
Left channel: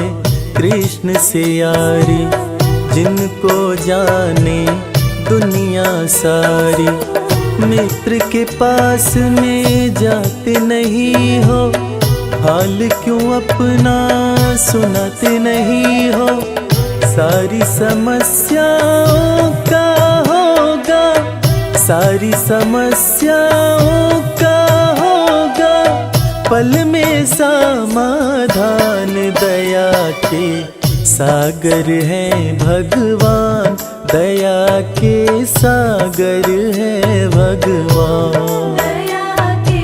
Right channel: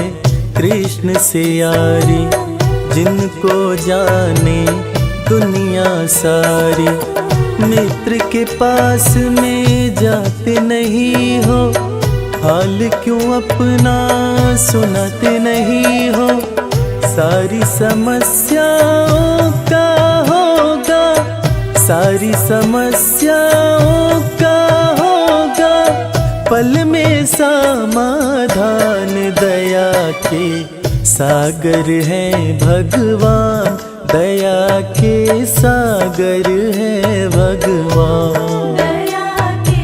कृष्ण से यारी, जिनको जाने दुनिया सारी। मित्र के पास में जाते नहीं हो, हाल क्यों अपना सुनाते नहीं हो। सारी समस्याओं का होगा, सारी समस्याओं का होगा पल में समाधान। दया के सागर हैं भगवान, दया के सागर हैं भगवान। दया के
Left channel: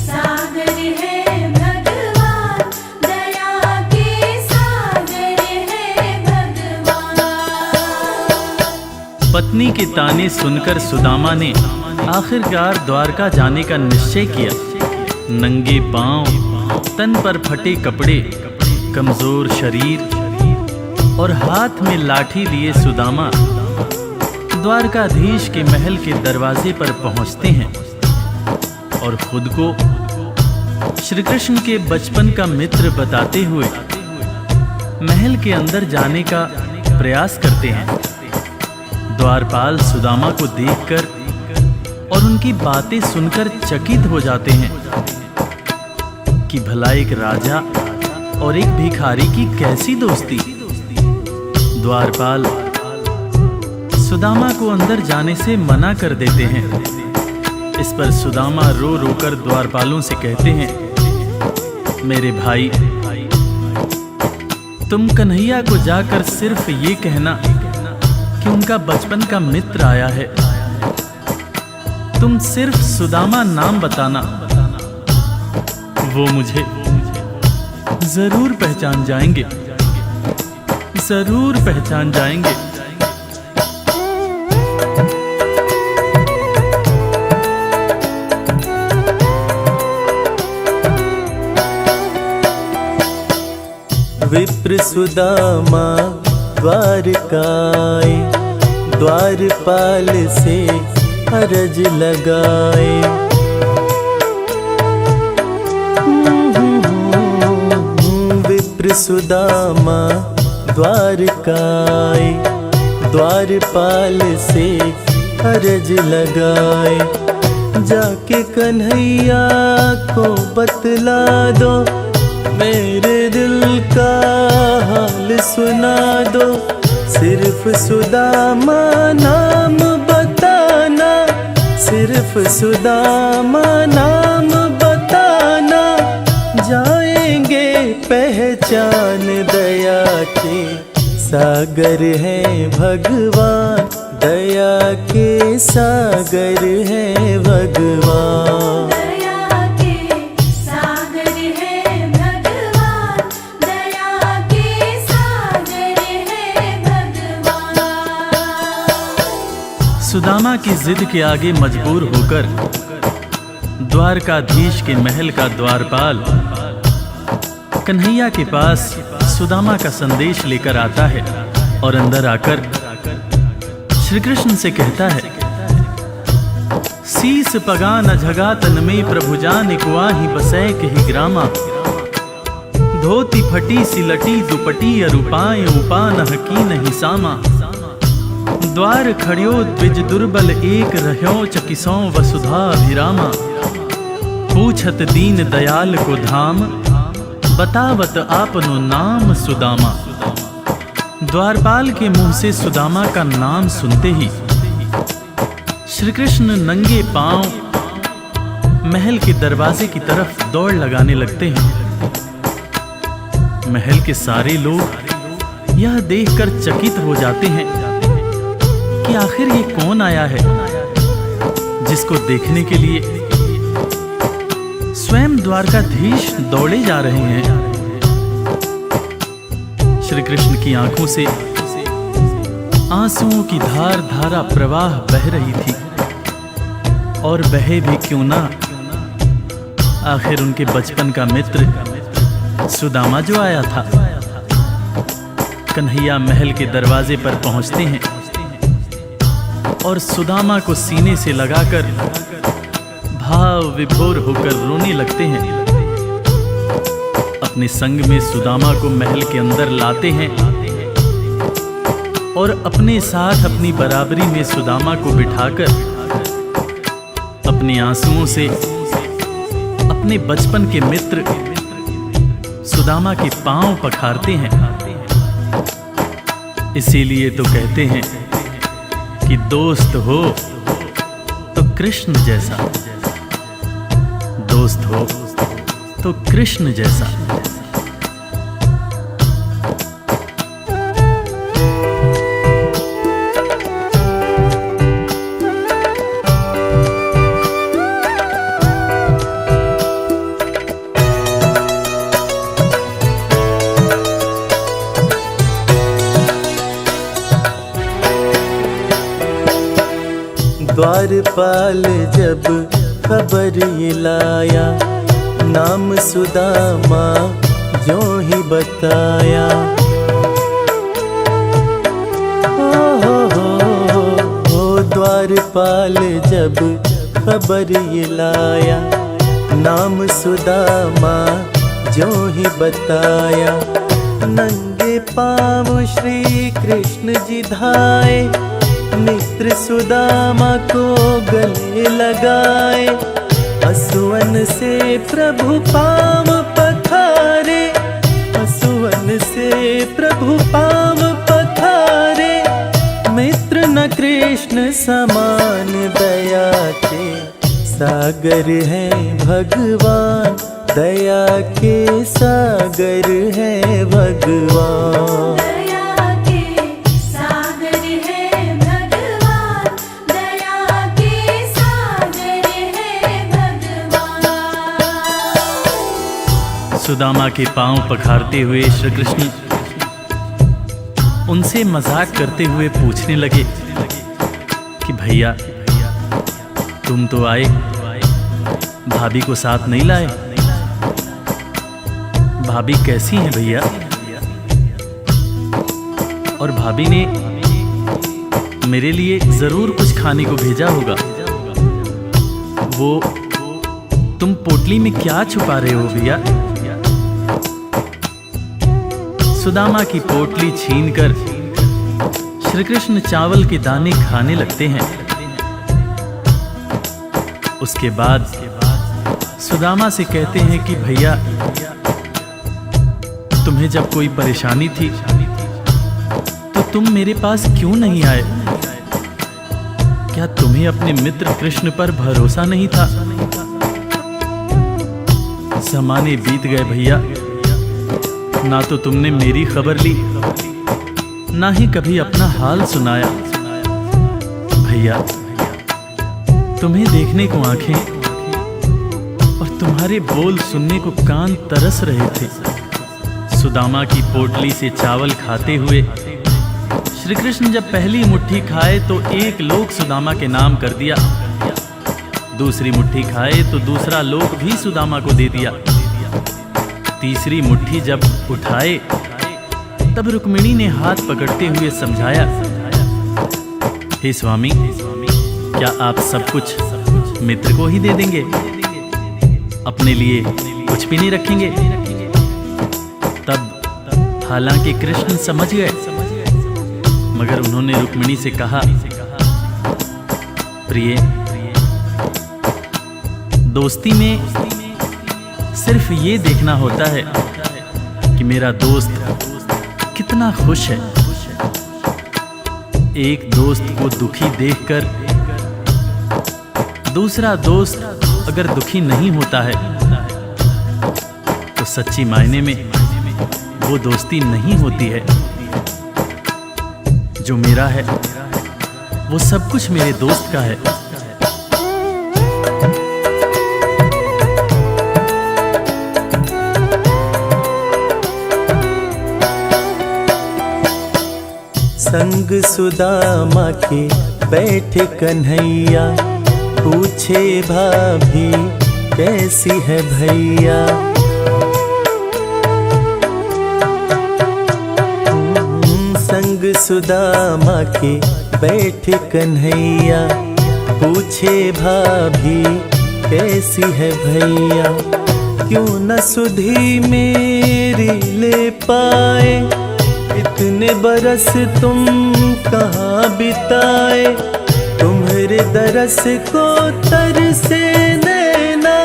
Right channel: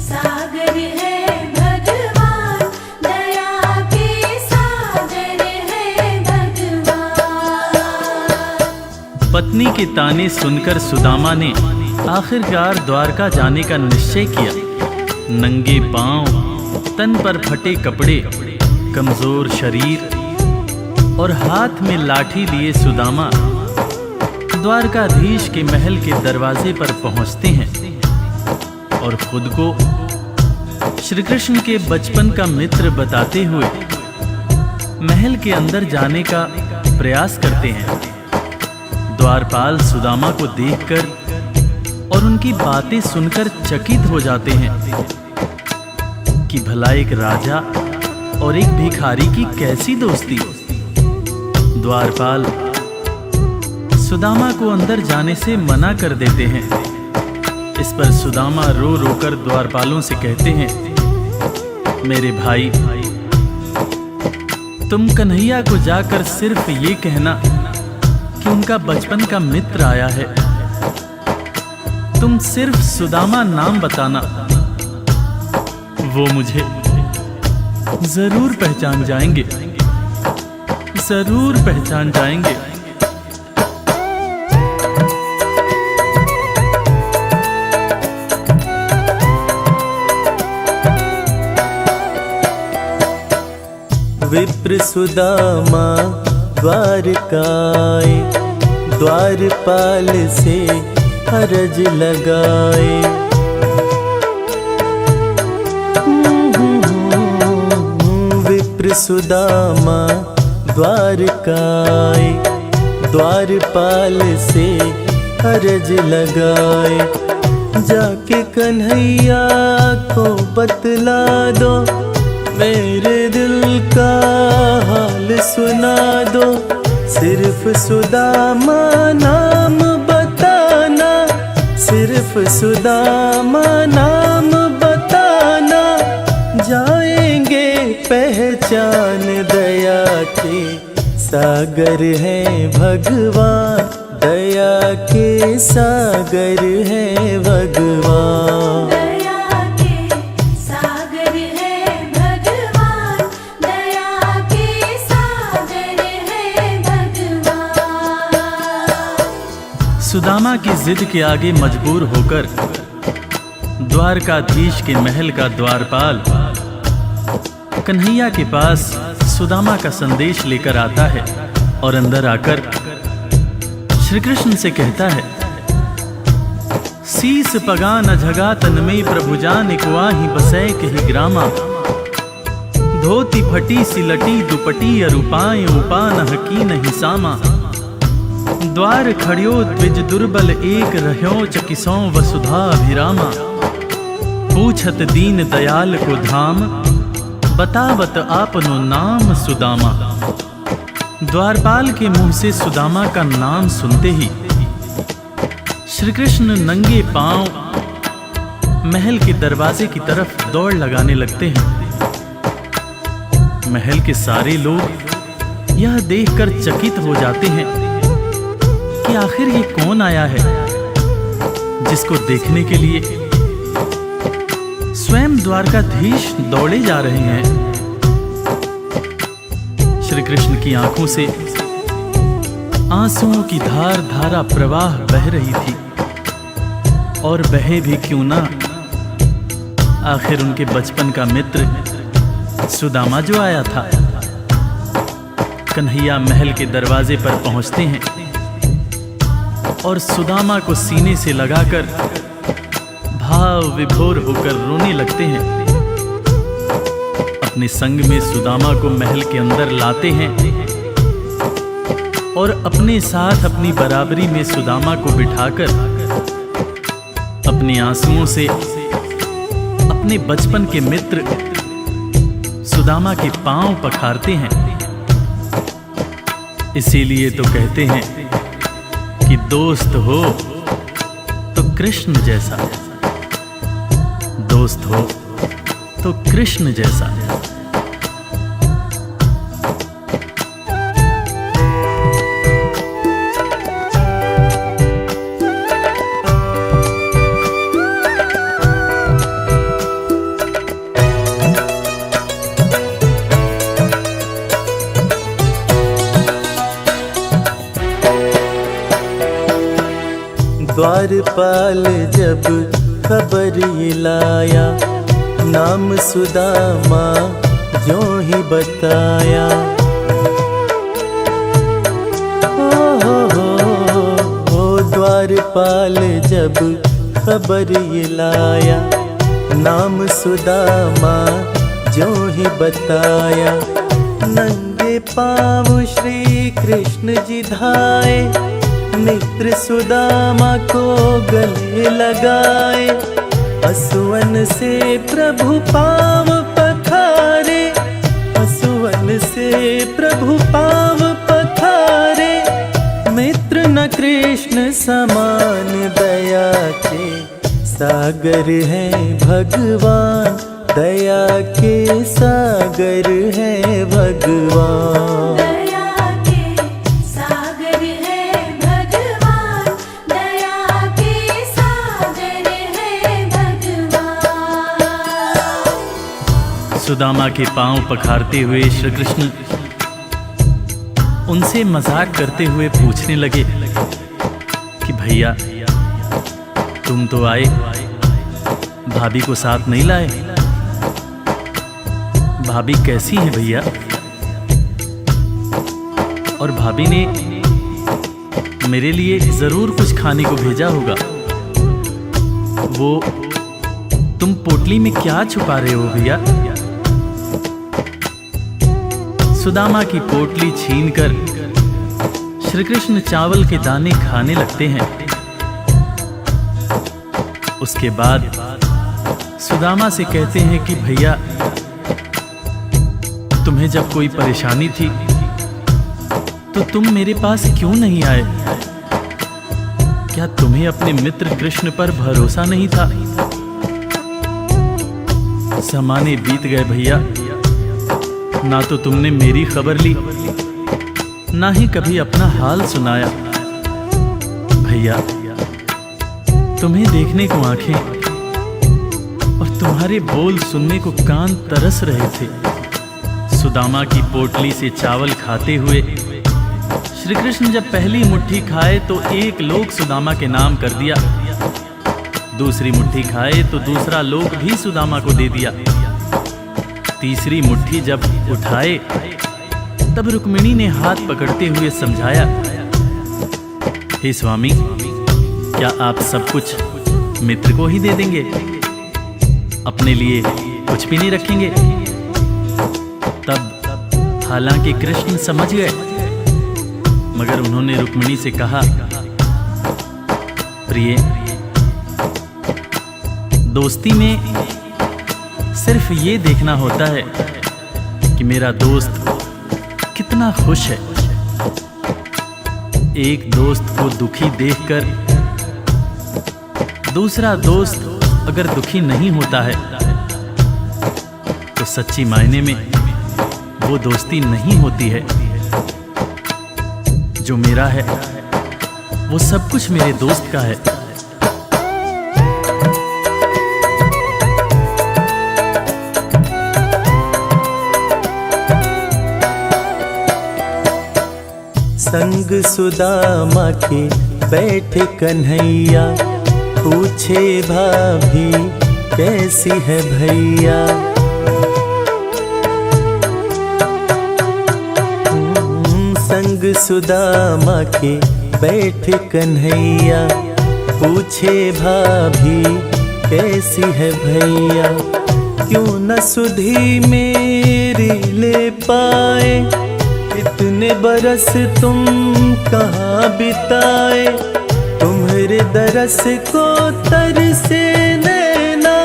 सागर है भगवान, दया के सागर है भगवान। पत्नी के ताने सुनकर सुदामा ने आखिरकार द्वारका जाने का निश्चय किया। नंगे पांव, तन पर फटे कपड़े, कमजोर शरीर और हाथ में लाठी लिए सुदामा द्वारकाधीश के महल के दरवाजे पर पहुंचते हैं और खुद को श्री कृष्ण के बचपन का मित्र बताते हुए महल के अंदर जाने का प्रयास करते हैं। द्वारपाल सुदामा को देखकर और उनकी बातें सुनकर चकित हो जाते हैं कि भला एक राजा और एक भिखारी की कैसी दोस्ती। द्वारपाल सुदामा को अंदर जाने से मना कर देते हैं। इस पर सुदामा रो रो कर द्वारपालों से कहते हैं, मेरे भाई, तुम कन्हैया को जाकर सिर्फ ये कहना कि उनका बचपन का मित्र आया है। तुम सिर्फ सुदामा नाम बताना, वो मुझे जरूर पहचान जाएंगे, जरूर पहचान जाएंगे। विप्र सुदामा द्वारकाए, द्वारपाल से अरज लगाए। विप्र सुदामा द्वारकाए, द्वारपाल से अरज लगाए। जाके कन्हैया को बतला दो, मेरे दिल का हाल सुना दो। सिर्फ सुदामा नाम बताना, सिर्फ सुदामा नाम बताना। जाएंगे पहचान, दया के सागर हैं भगवान, दया के सागर हैं भगवान। दया के सागर है भगवान, दया के सागर है भगवान। सुदामा की जिद के आगे मजबूर होकर द्वारकाधीश के महल का द्वारपाल कन्हैया के पास सुदामा का संदेश लेकर आता है और अंदर आकर श्री कृष्ण से कहता है, शीस पगा न झगा तन में प्रभु जान कुआही बसै कही ग्रामा। धोती फटी सिलटी दुपटी अरुपाए उपान हकी नहीं सामा। द्वार खड़ियो द्विज दुर्बल एक रह्यो चकिसों वसुधा अभिरामा। पूछत दीन दयाल को धाम, बतावत आपनो नाम सुदामा। द्वारपाल के मुंह से सुदामा का नाम सुनते ही श्री कृष्ण नंगे पांव महल के दरवाजे की तरफ दौड़ लगाने लगते हैं। महल के सारे लोग यह देखकर चकित हो जाते हैं कि आखिर ये कौन आया है, जिसको देखने के लिए स्वयं द्वारकाधीश दौड़े जा रहे हैं। श्री कृष्ण की आंखों से आंसुओं की धार धारा प्रवाह बह रही थी, और बहे भी क्यों ना, आखिर उनके बचपन का मित्र सुदामा जो आया था। कन्हैया महल के दरवाजे पर पहुंचते हैं और सुदामा को सीने से लगाकर भाव विभोर होकर रोने लगते हैं। अपने संग में सुदामा को महल के अंदर लाते हैं और अपने साथ अपनी बराबरी में सुदामा को बिठाकर अपने आंसुओं से अपने बचपन के मित्र सुदामा के पांव पखारते हैं। इसीलिए तो कहते हैं कि दोस्त हो तो कृष्ण जैसा, दोस्त हो तो कृष्ण जैसा। द्वारपाल जब खबर ये लाया, नाम सुदामा जो ही बताया। हो द्वारपाल जब खबर ये लाया, नाम सुदामा जो ही बताया, नंगे पाँव श्री कृष्ण जी धाए, मित्र सुदामा को गले लगाए, असुवन से प्रभु पाँव पखारे, असुवन से प्रभु पाँव पखारे, मित्र न कृष्ण समान दया के सागर है भगवान, दया के सागर है भगवान। दया के सागर है भगवान, दया के सागर है भगवान। सुदामा के पांव पखारते हुए श्री कृष्ण उनसे मजाक करते हुए पूछने लगे कि भैया तुम तो आए, भाभी को साथ नहीं लाए। भाभी कैसी हैं भैया? और भाभी ने मेरे लिए जरूर कुछ खाने को भेजा होगा। वो तुम पोटली में क्या छुपा रहे हो भैया? सुदामा की पोटली छीनकर श्री कृष्ण चावल के दाने खाने लगते हैं। उसके बाद सुदामा से कहते हैं कि भैया तुम्हें जब कोई परेशानी थी तो तुम मेरे पास क्यों नहीं आए? क्या तुम्हें अपने मित्र कृष्ण पर भरोसा नहीं था? ज़माने बीत गए भैया, ना तो तुमने मेरी खबर ली, ना ही कभी अपना हाल सुनाया। भैया तुम्हें देखने को आंखें और तुम्हारे बोल सुनने को कान तरस रहे थे। सुदामा की पोटली से चावल खाते हुए श्री कृष्ण जब पहली मुट्ठी खाए तो एक लोक सुदामा के नाम कर दिया, दूसरी मुट्ठी खाए तो दूसरा लोक भी सुदामा को दे दिया, तीसरी मुट्ठी जब उठाए तब रुक्मिणी ने हाथ पकड़ते हुए समझाया, हे स्वामी क्या आप सब कुछ मित्र को ही दे देंगे, अपने लिए कुछ भी नहीं रखेंगे? तब हालांकि कृष्ण समझ गए, मगर उन्होंने रुक्मिणी से कहा, प्रिय दोस्ती में सिर्फ ये देखना होता है कि मेरा दोस्त कितना खुश है। एक दोस्त को दुखी देखकर दूसरा दोस्त अगर दुखी नहीं होता है तो सच्ची मायने में वो दोस्ती नहीं होती है। जो मेरा है वो सब कुछ मेरे दोस्त का है। संग सुदामा के बैठे कन्हैया, पूछे भाभी कैसी है भैया। संग सुदामा के बैठे कन्हैया, पूछे भाभी कैसी है भैया। क्यों न सुधी मेरी ले पाए, इतने बरस तुम कहाँ बिताए। तुम्हारे दरस को तरसे नैना,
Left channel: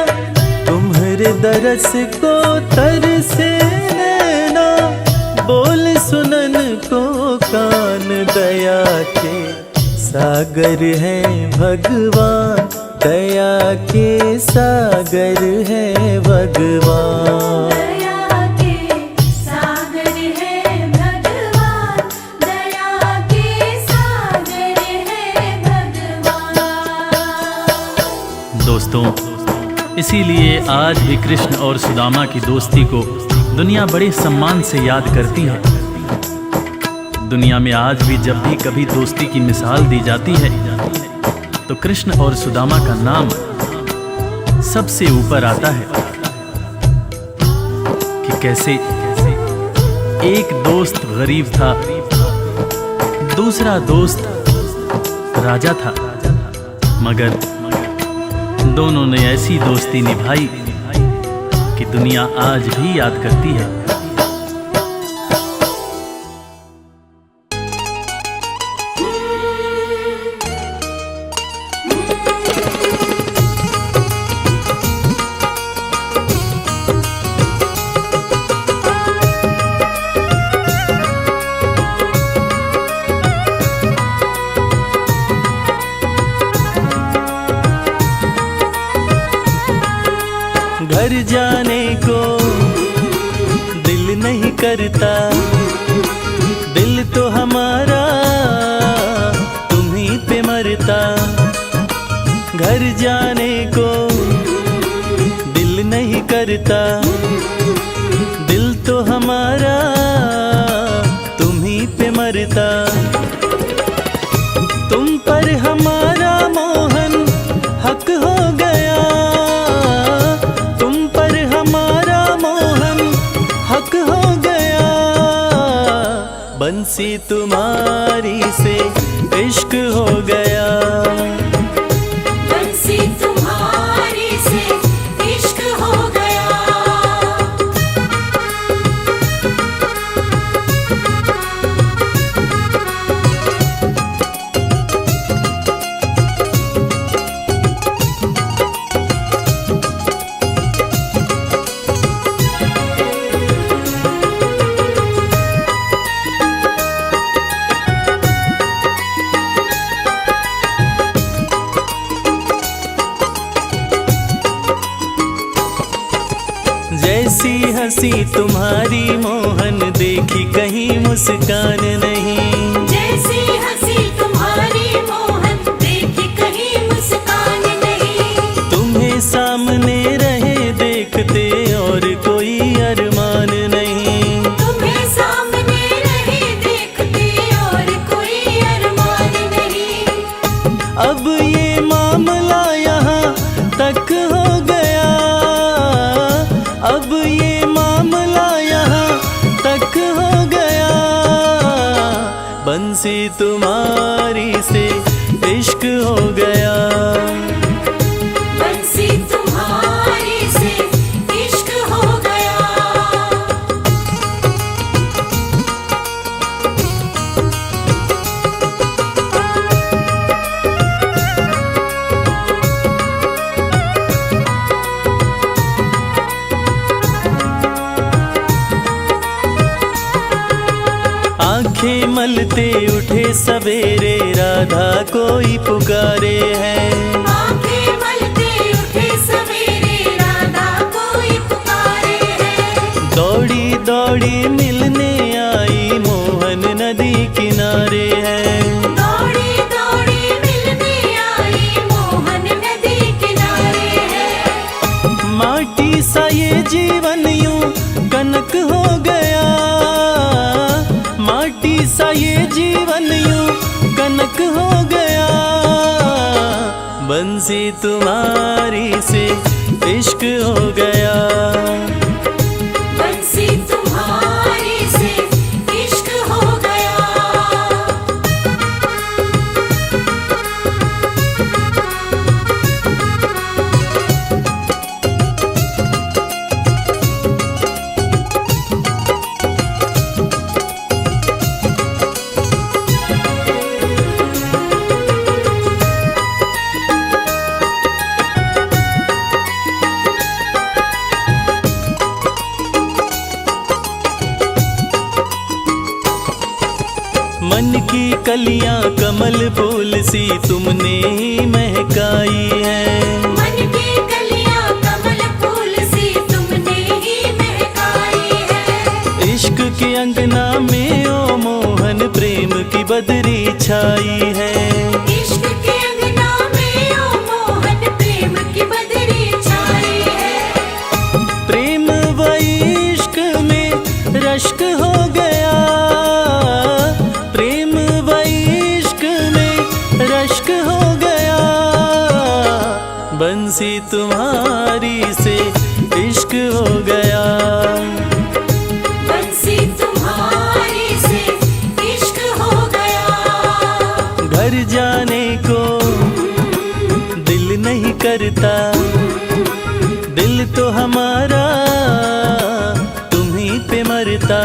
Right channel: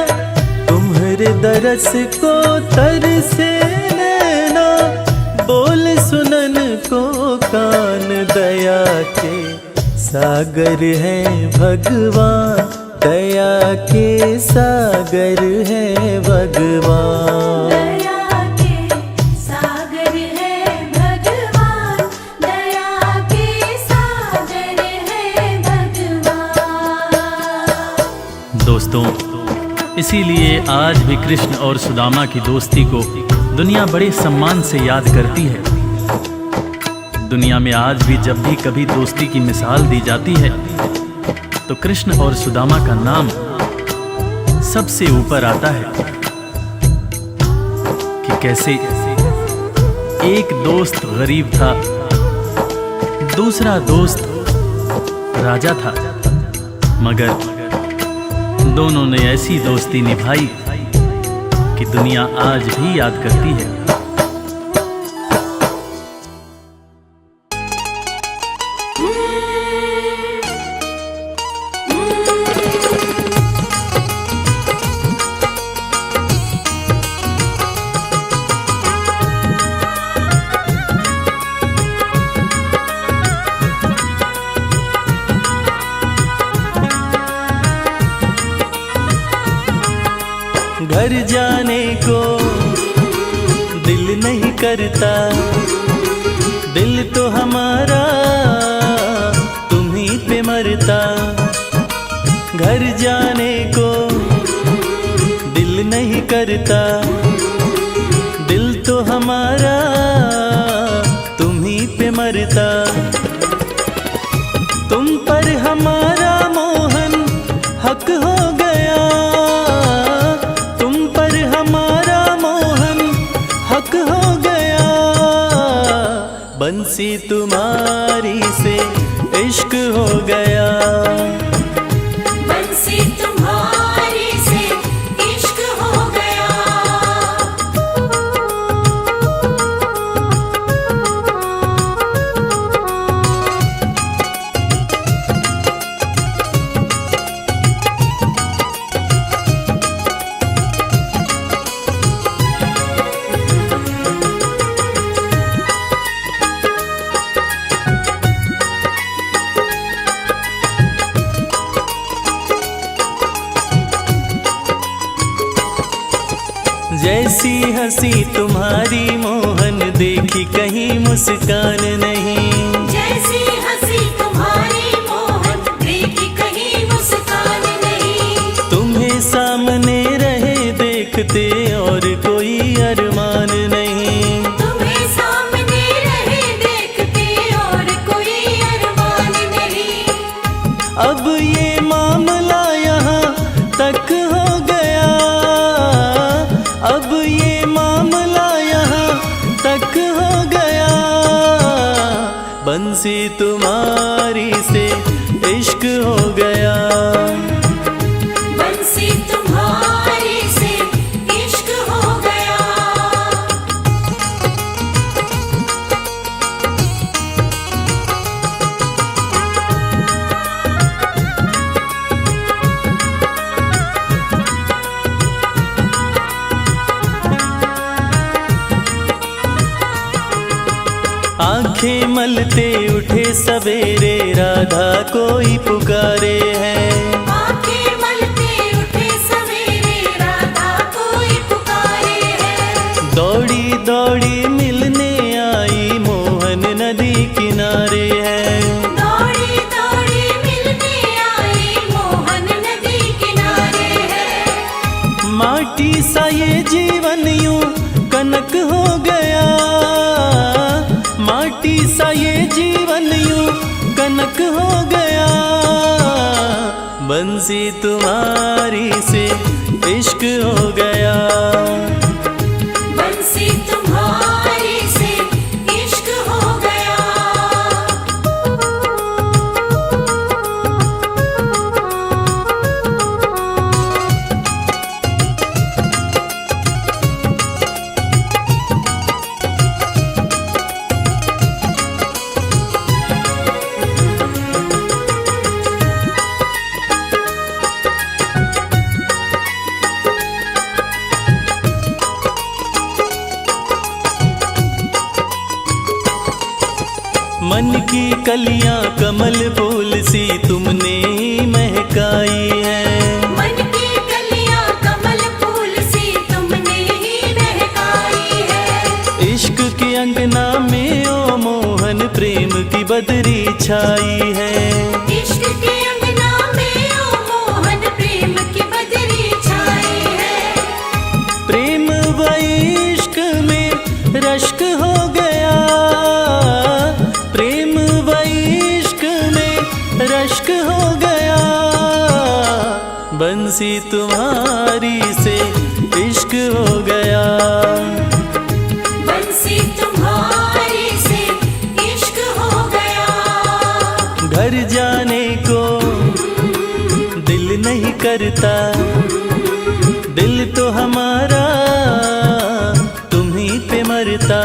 तुम्हारे दरस को तरसे नैना। बोल सुनन को कान, दया के सागर है भगवान, दया के सागर है भगवान। दोस्तों, इसीलिए आज भी कृष्ण और सुदामा की दोस्ती को दुनिया बड़े सम्मान से याद करती है। दुनिया में आज भी जब भी कभी दोस्ती की मिसाल दी जाती है तो कृष्ण और सुदामा का नाम सबसे ऊपर आता है कि कैसे एक दोस्त गरीब था, दूसरा दोस्त राजा था, मगर दोनों ने ऐसी दोस्ती निभाई कि दुनिया आज भी याद करती है। घर जाने को दिल नहीं करता, दिल तो हमारा तुम्हीं पे मरता। घर जाने को दिल नहीं करता, दिल तो हमारा तुम्हीं पे मरता। तुम पर हमारा मोहन हक हो गया, तुम पर हमारा मोहन हक हो गया। बंसी तुम्हारी से इश्क हो गया, बंसी तुम्हारे से इश्क हो गया। जैसी हंसी तुम्हारी मोहन देखी कहीं मुस्कान नहीं। जैसी हंसी तुम्हारी मोहन देखी कहीं मुस्कान नहीं। तुम्हें सामने रहे देखते और कोई अरमान नहीं। तुम्हें सामने रहे देखते और कोई अरमान नहीं। अब ये मामला यहाँ तक हो गया, अब ये मामला यहाँ तक हो गया। बंसी तुम्हारी से इश्क हो गया, बंसी तुम्हारे से इश्क हो गया। आंखें मलते उठे सवेरे राधा कोई पुकारे है। आंखें मलते उठे सवेरे राधा कोई पुकारे है। दौड़ी दौड़ी मिलने आई मोहन नदी किनारे है। दौड़ी दौड़ी मिलने आई मोहन नदी किनारे है। माटी सा ये जीवन यूं कनक हो गया, माटी सा ये जीवन यूं कनक हो गया। बंसी तुम्हारी से इश्क हो गया, बंसी तुम्हारे से इश्क हो गया। मन की कलियां कमल फूल सी तुमने ही महकाई है। मन की कलियां कमल फूल सी तुमने ही महकाई है। इश्क के अंगना में ओ मोहन प्रेम की बदरी छाई है। इश्क के अंगना में ओ मोहन प्रेम की बदरी छाई है। प्रेम व इश्क में रश्क हो गया, प्रेम व इश्क में रश्क हो गया। बंसी तुम्हारी से इश्क हो गया, बंसी तुम्हारे से इश्क हो गया। घर जाने को दिल दिल नहीं करता, दिल तो हमारा तुम्हीं पे मरता।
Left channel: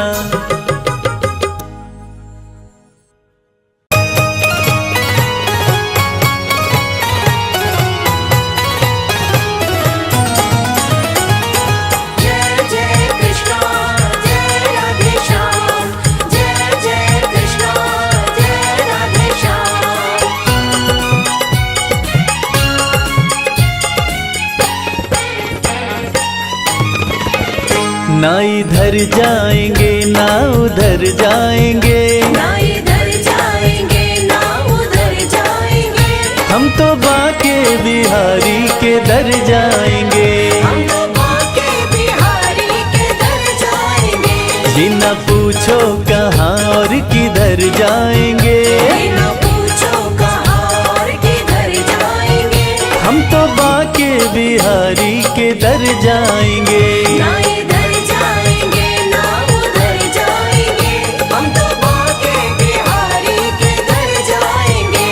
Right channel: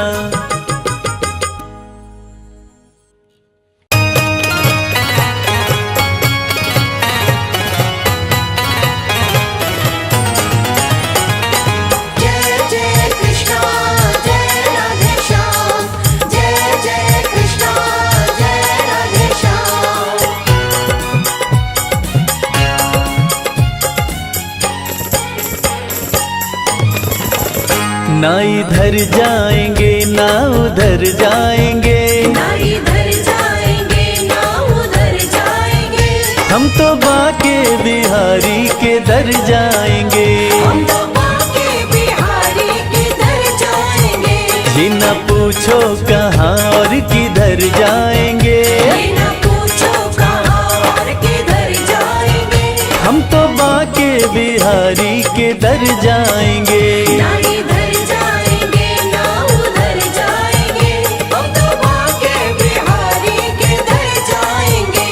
ना इधर जाएंगे ना उधर जाएंगे, ना इधर जाएंगे ना उधर जाएंगे, हम तो बाके बिहारी के दर जाएंगे। हम तो बाके बिहारी के दर जाएंगे। ये न पूछो कहाँ और किधर जाएंगे, बिना पूछो कहाँ और किधर जाएंगे, हम तो बाके बिहारी के दर जाएंगे। ना इधर जाएंगे ना उधर जाएंगे, हम तो बाके बिहारी के दर जाएंगे।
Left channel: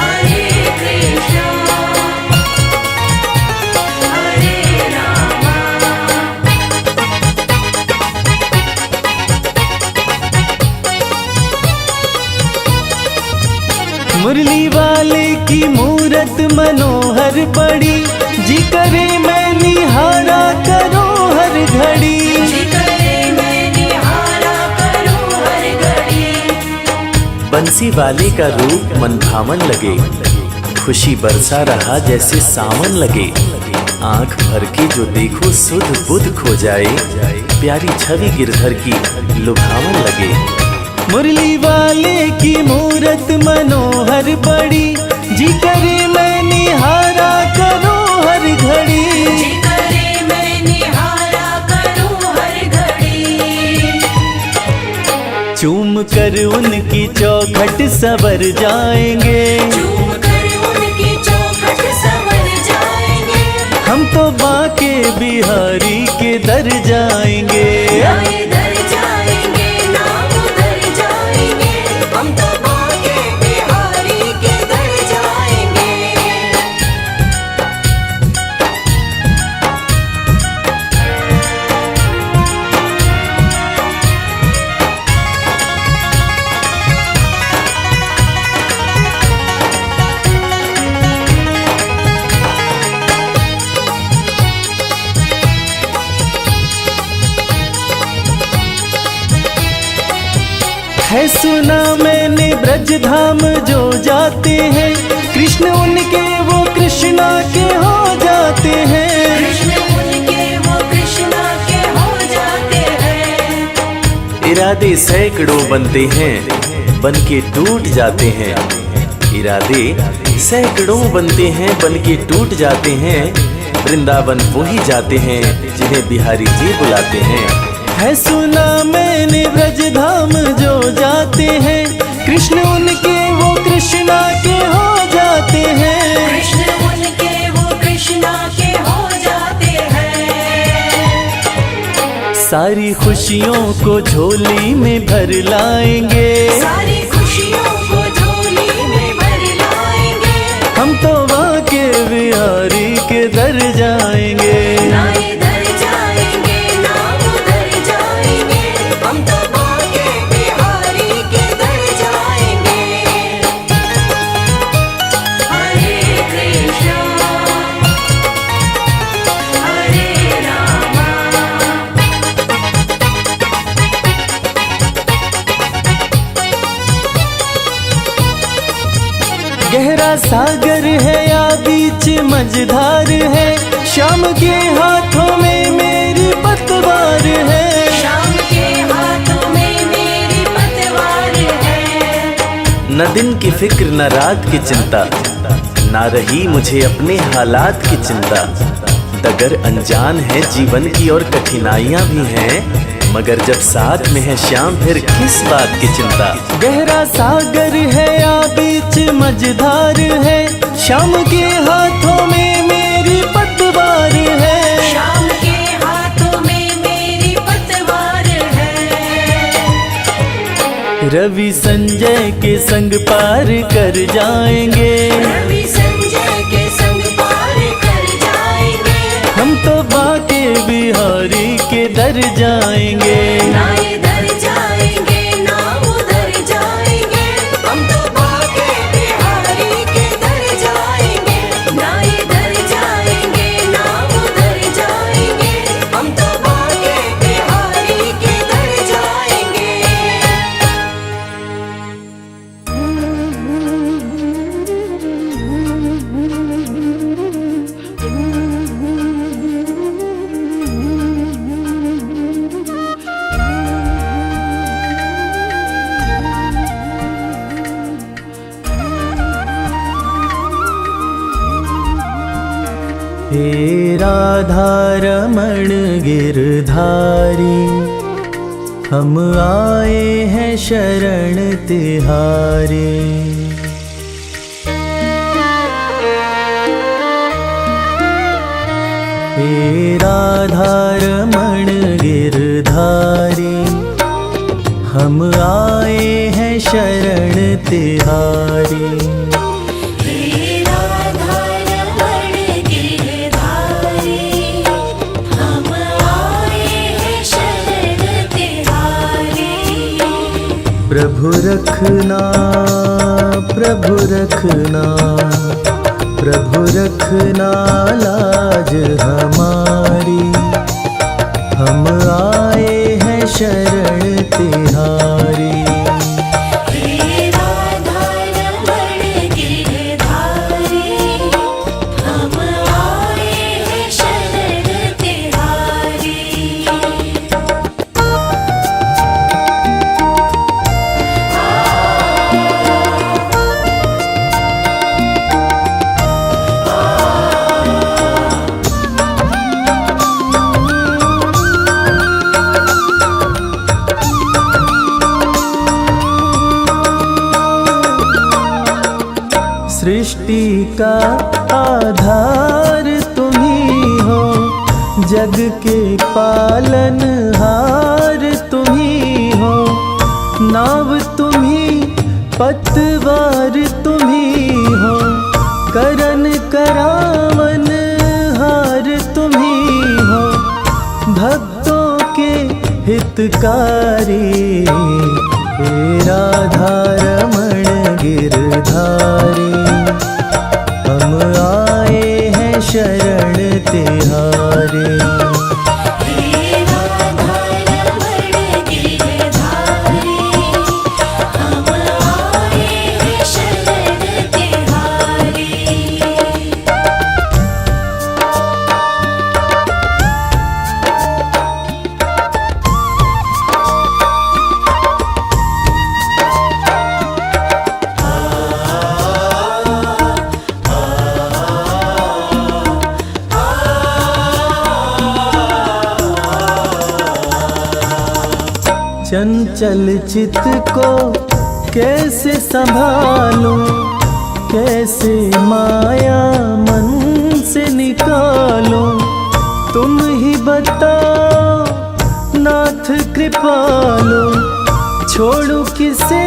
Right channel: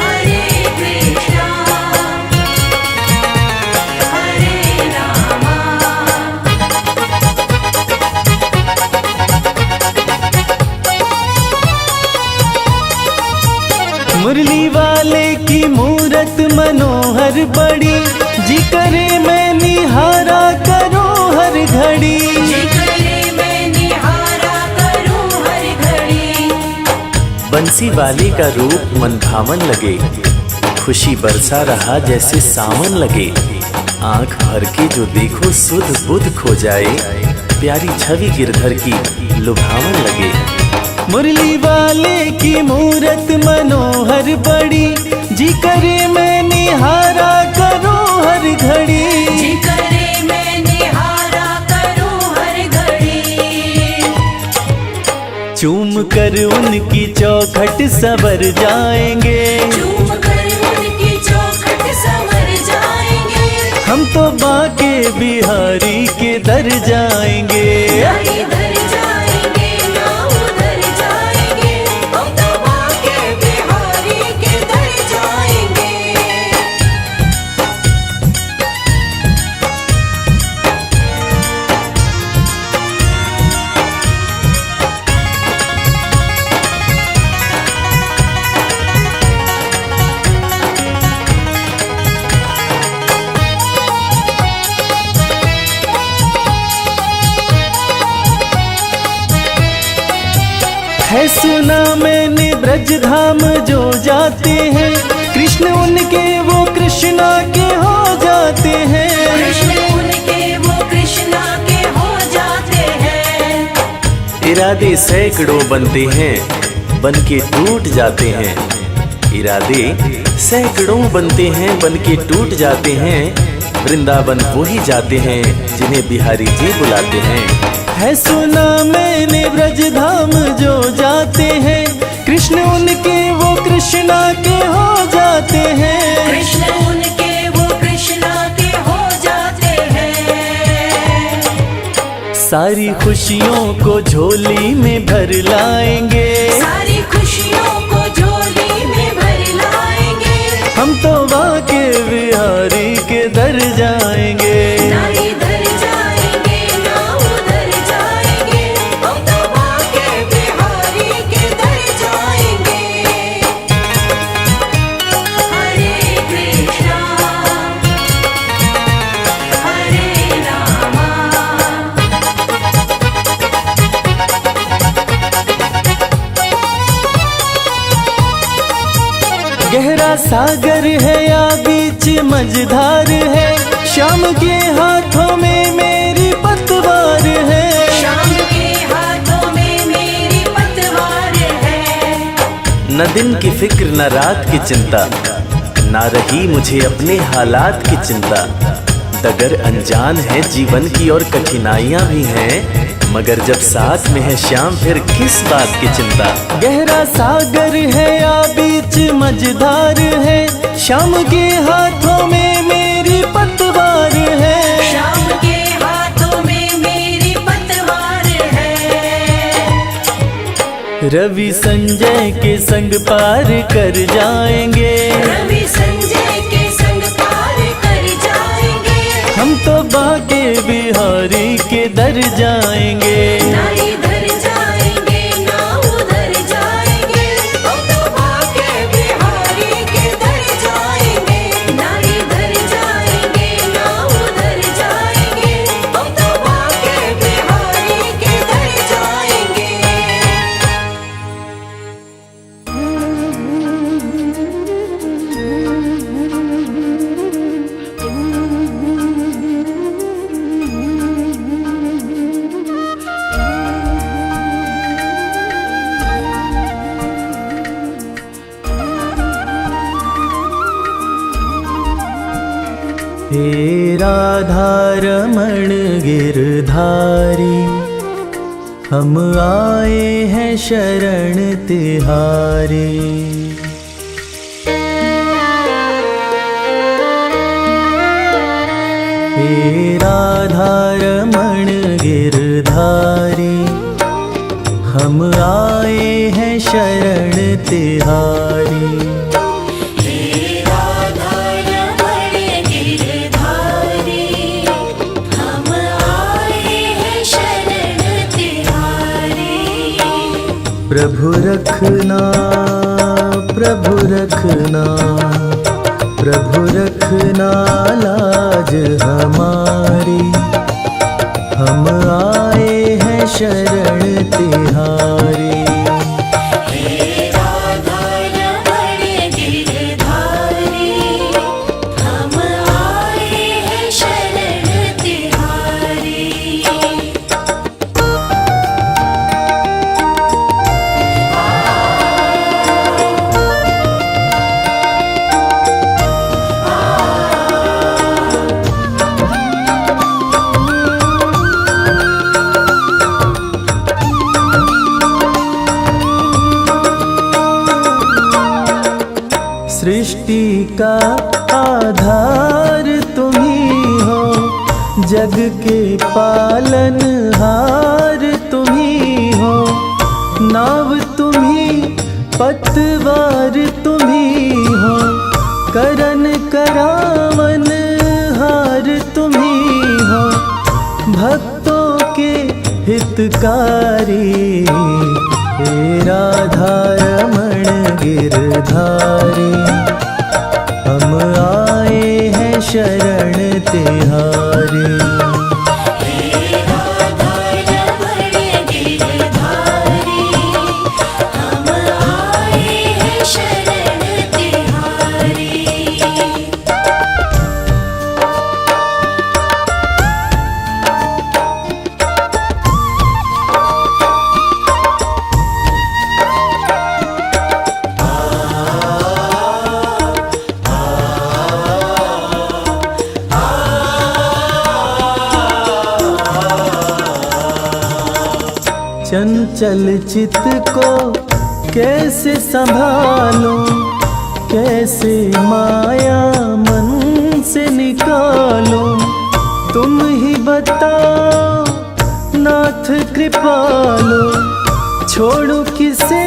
हरे कृष्णा हरे रामा। मुरली वाले की मूरत मनोहर बड़ी, जी करे मैं निहारा करो हर घड़ी। बंसी वाले का रूप मन भावन लगे, खुशी बरसा रहा जैसे सावन लगे। आंख भर के जो देखो सुध बुध खो जाए, प्यारी छवि गिरधर की लुभावन लगे। मुरली वाले की मूरत मनोहर बड़ी, जी करे मैं निहारा करो हर घड़ी। चूम कर उनकी चौखट सवर जाएंगे, हम तो बाके बिहारी के दर जाएंगे। है सुना मैंने ब्रज धाम जो जाते हैं, कृष्ण उनके वो कृष्णा के हो जाते हैं। इरादे सैकड़ों बनते हैं, बन के टूट जाते हैं। इरादे सैकड़ों बनते हैं, बन के टूट जाते हैं। वृंदावन वो ही जाते हैं जिन्हें बिहारी जी बुलाते हैं। है सुना मैंने ब्रज धाम जो जाते हैं, कृष्ण उनके वो कृष्णा के हो जाते हैं। सारी खुशियों को झोली में भर लाएंगे, हम तो बाके बिहारी के दर जाएंगे। गहरा सागर है या बीच मझधार है, शाम के हाथों में मेरी पतवार है। न दिन की फिक्र न रात की चिंता, ना रही मुझे अपने हालात की चिंता। डगर अनजान है जीवन की और कठिनाइयां भी हैं, मगर जब साथ में है श्याम फिर किस बात की चिंता। गहरा सागर है या बीच मझधार है, श्याम के हाथों में मेरी पतवार है। रवि संजय के संग पार कर जाएंगे। रवि संजय के संग पार कर जाएंगे। हम तो बाके बिहारी के दर जाएंगे। ना इधर जाएंगे ना उधर जाएंगे, हम तो बाके बिहारी के दर जाएंगे। ना इधर जाएंगे ना उधर जाएंगे, हम तो बाके बिहारी के दर जाएंगे। हे राधा रमण गिरधारी, हम आए हैं शरण तिहारी। हे राधा रमण गिरधारी, हम आए हैं शरण तिहारी। प्रभु रखना प्रभु रखना, प्रभु रखना लाज हमारी। हम आए हैं शरण तिहारी। सृष्टि का आधार तुम ही हो, जग के पालनहार तुम ही हो। नाव तुम ही पतवार तुम ही हो, करन करावन हार तुम ही हो। भक्तों के हितकारी, हे राधा रमण गिरधारी। हम आए हैं शरण तिहारी। चंचल चित को कैसे संभालूं, कैसे माया मन से निकालूं। तुम ही बताओ नाथ कृपालु, छोड़ू किसे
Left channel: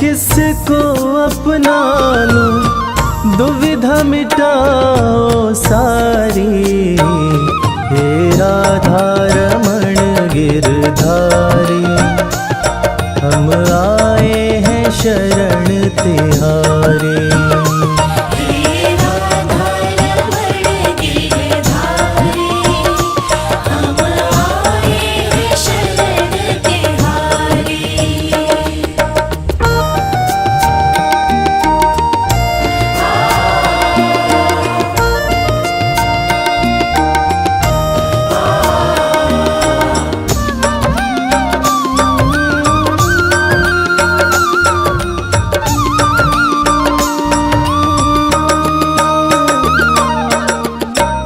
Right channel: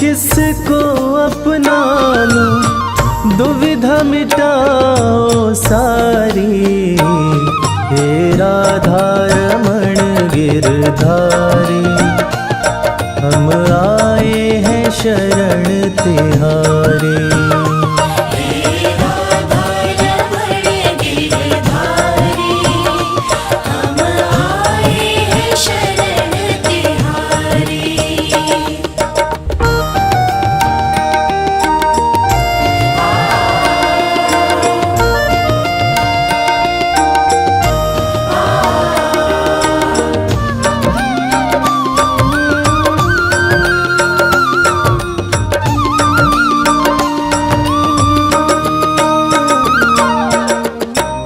किसको अपना लूं। दुविधा मिटाओ सारी, हे राधा रमण गिरधारी। हम आए हैं शरण तिहारी।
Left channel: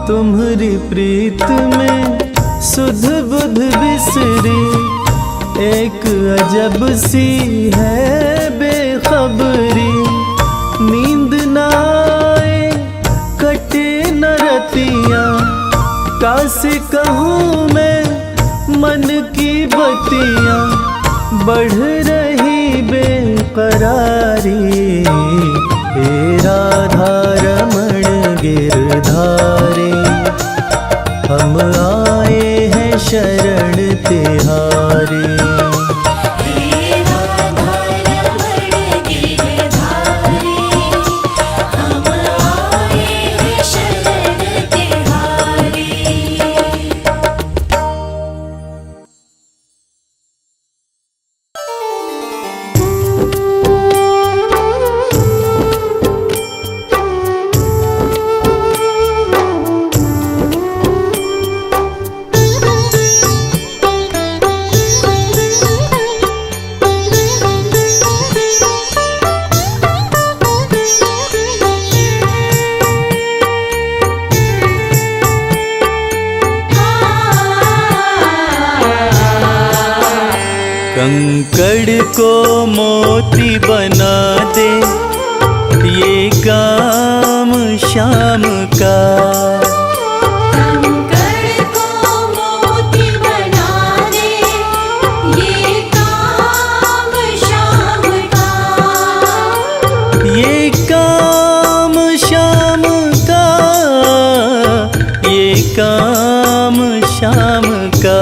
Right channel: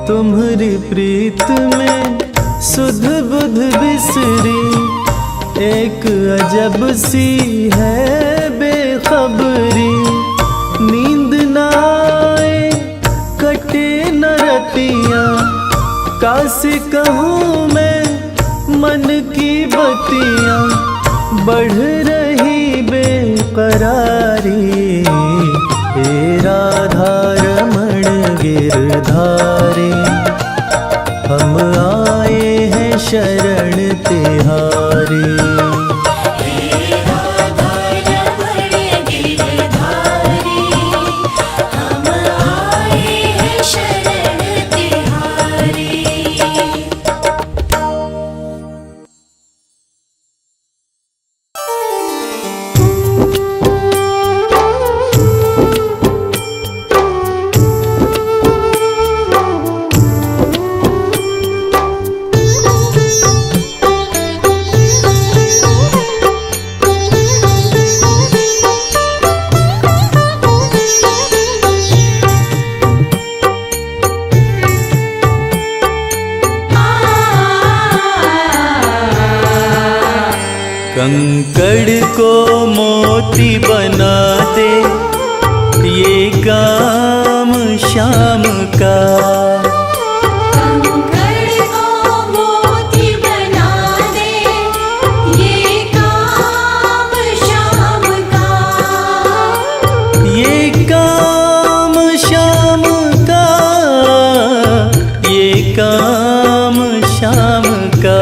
तुम्हारी प्रीत में सुध बुध बिसरी, एक अजब सी है बेखबरी। नींद न आए कटे न रतियाँ, कासे कहूँ मैं मन की बतियाँ। बढ़ रही बेकरारी, हे राधा रमण गिरधारी, हम आए हैं शरण तिहारी। कंकड़ को मोती बना दे, ये काम शाम का। कंकड़ को मोती बना दे, ये काम शाम का। ये काम शाम का, ये काम शाम का।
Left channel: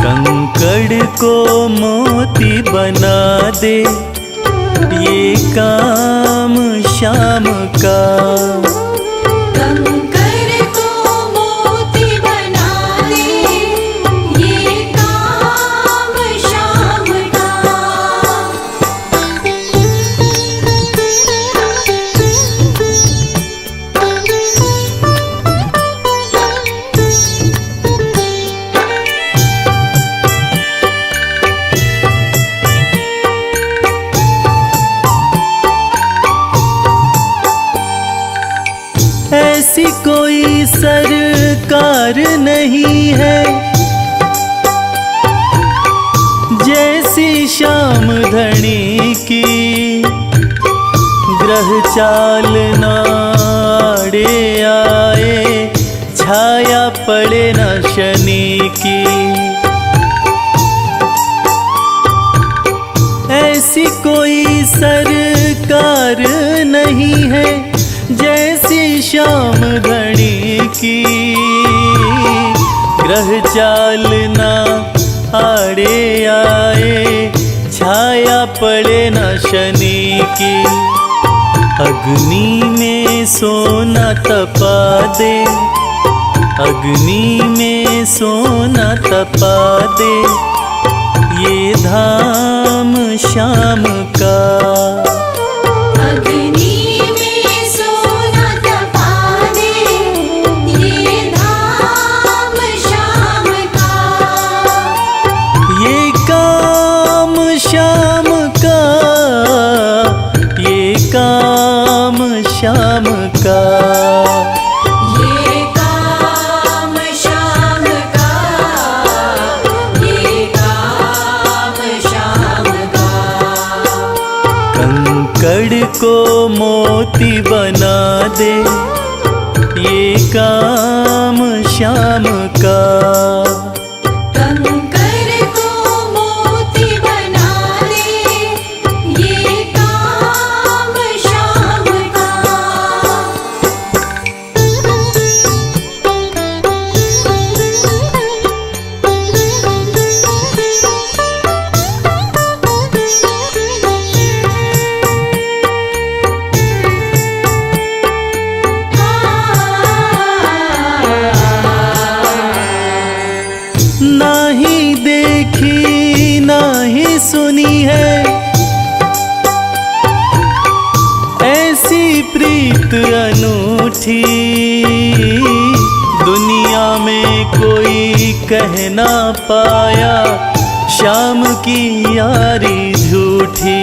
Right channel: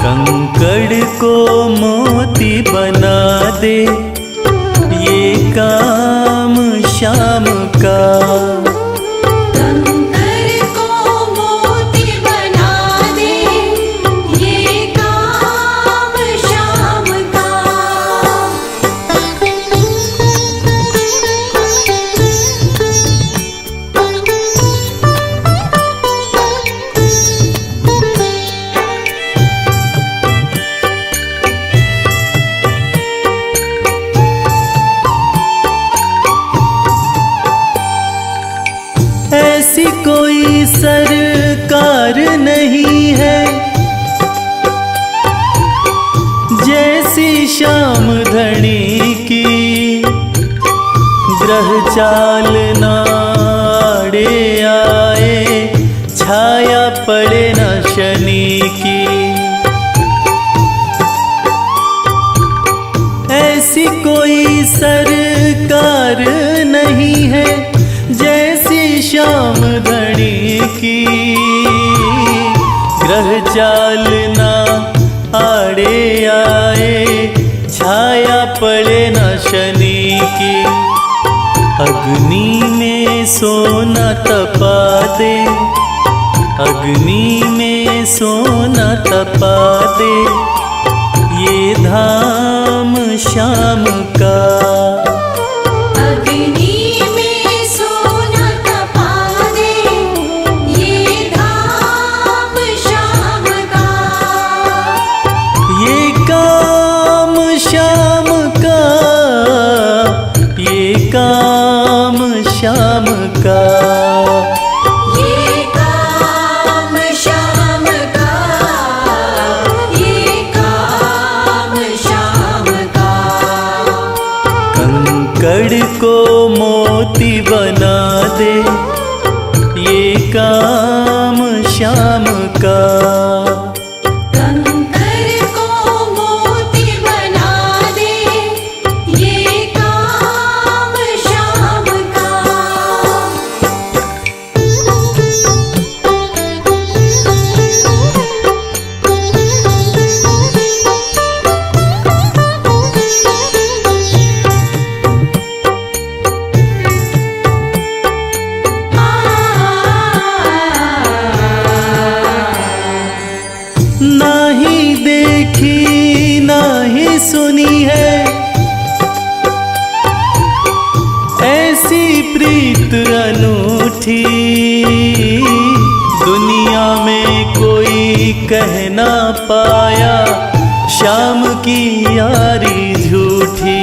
कंकड़ को मोती बना दे, ये काम शाम का। कंकड़ को मोती बना दे, ये काम शाम का। ऐसी कोई सरकार नहीं है जैसी श्याम धनी की, ग्रह चाल नाड़े आए, छाया पड़े न शनि की। ऐसी कोई सरकार नहीं है जैसी श्याम धनी की, ग्रह चाल ना आड़े आए, छाया पड़े न शनि की। अग्नि में सोना तपा दे, अग्नि में सोना तपा दे, ये धाम शाम का। अग्नि में सोना तपा दे, ये धाम शाम का। ये काम शाम का, ये काम शाम का। ये काम शाम का, ये काम शाम का। कंकड़ को मोती बना दे, ये काम शाम का। कंकड़ को मोती बना दे, ये काम शाम का। नाही देखी नाही सुनी है ऐसी प्रीत अनूठी, दुनिया में कोई कह ना पाया श्याम की यारी झूठी।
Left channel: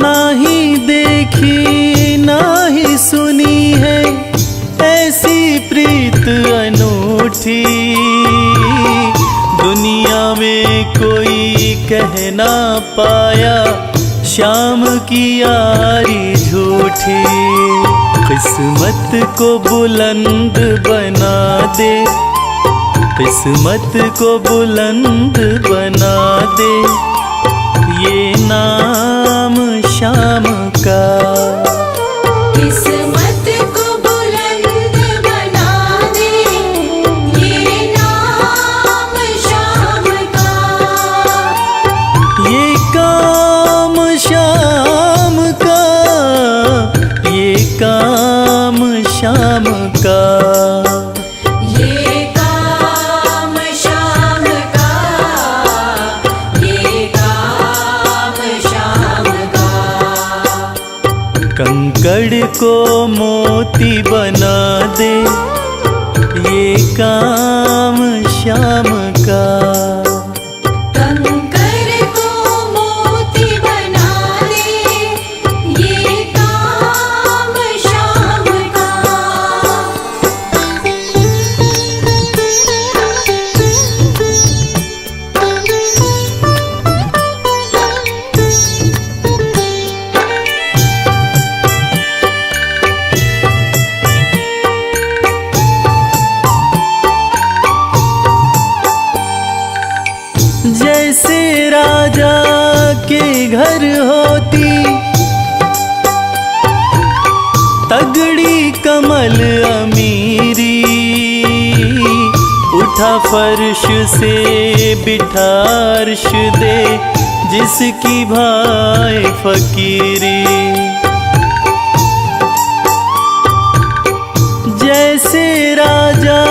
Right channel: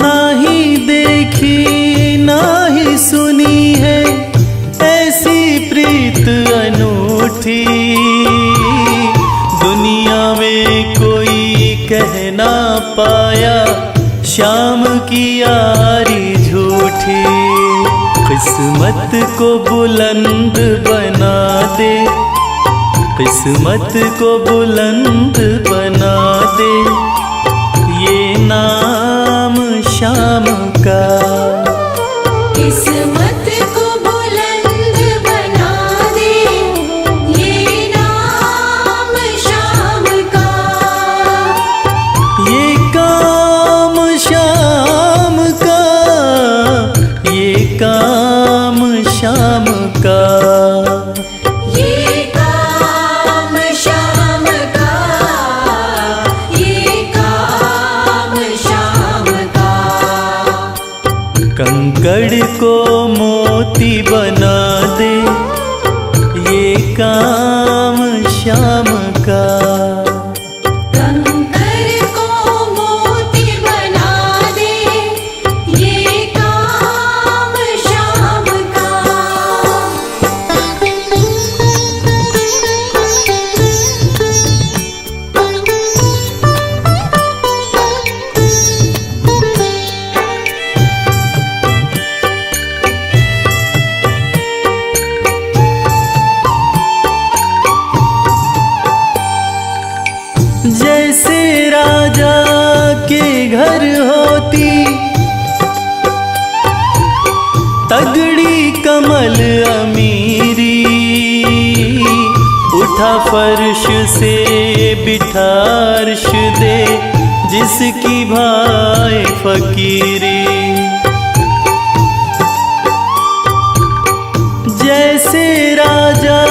नाही देखी नाही सुनी है ऐसी प्रीत अनूठी, दुनिया में कोई कह ना पाया श्याम की यारी झूठी। किस्मत को बुलंद बना दे, किस्मत को बुलंद बना दे, ये नाम श्याम का। किस्मत को बुलंद बना दे, ये नाम श्याम का। ये काम श्याम का, ये काम श्याम का। ये काम श्याम का, ये काम श्याम का। कंकड़ को मोती बना दे, ये काम श्याम का। कंकर को मोती बना दे, ये काम श्याम का। जैसे राजा के घर होती तगड़ी कमल अमीरी, उठा फर्श से बिठा अर्श दे, जिसकी भाई फकीरी। जैसे राजा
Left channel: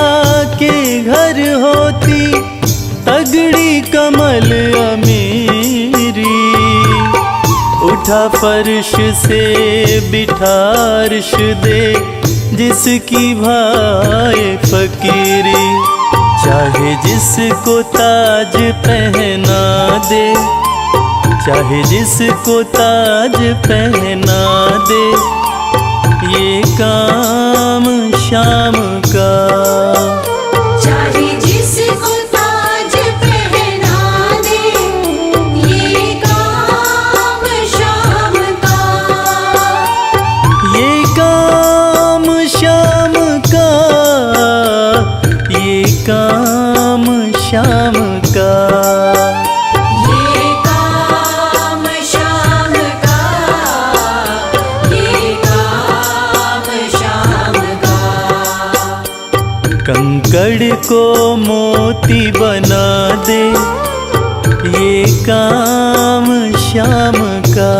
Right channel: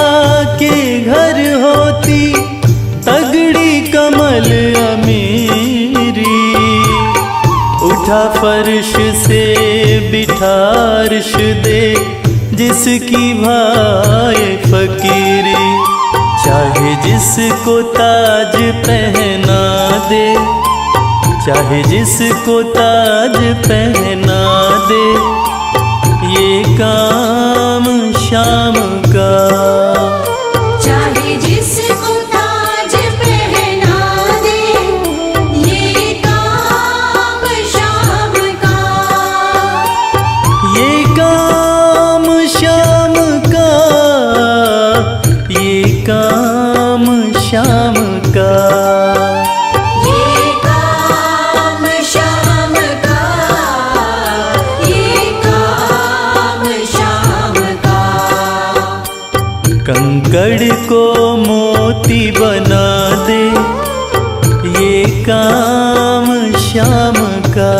के घर होती तगड़ी कमल अमीरी, उठा फर्श से बिठा अर्श दे, जिसकी भाई फकीरी। चाहे जिसको ताज पहना दे, चाहे जिसको ताज पहना दे, ये काम श्याम का। चाहे जिसको ताज पहना दे, ये काम श्याम का। ये काम श्याम का, ये काम श्याम का। ये काम श्याम का, ये काम श्याम का। कंकड़ को मोती बना दे, ये काम श्याम का।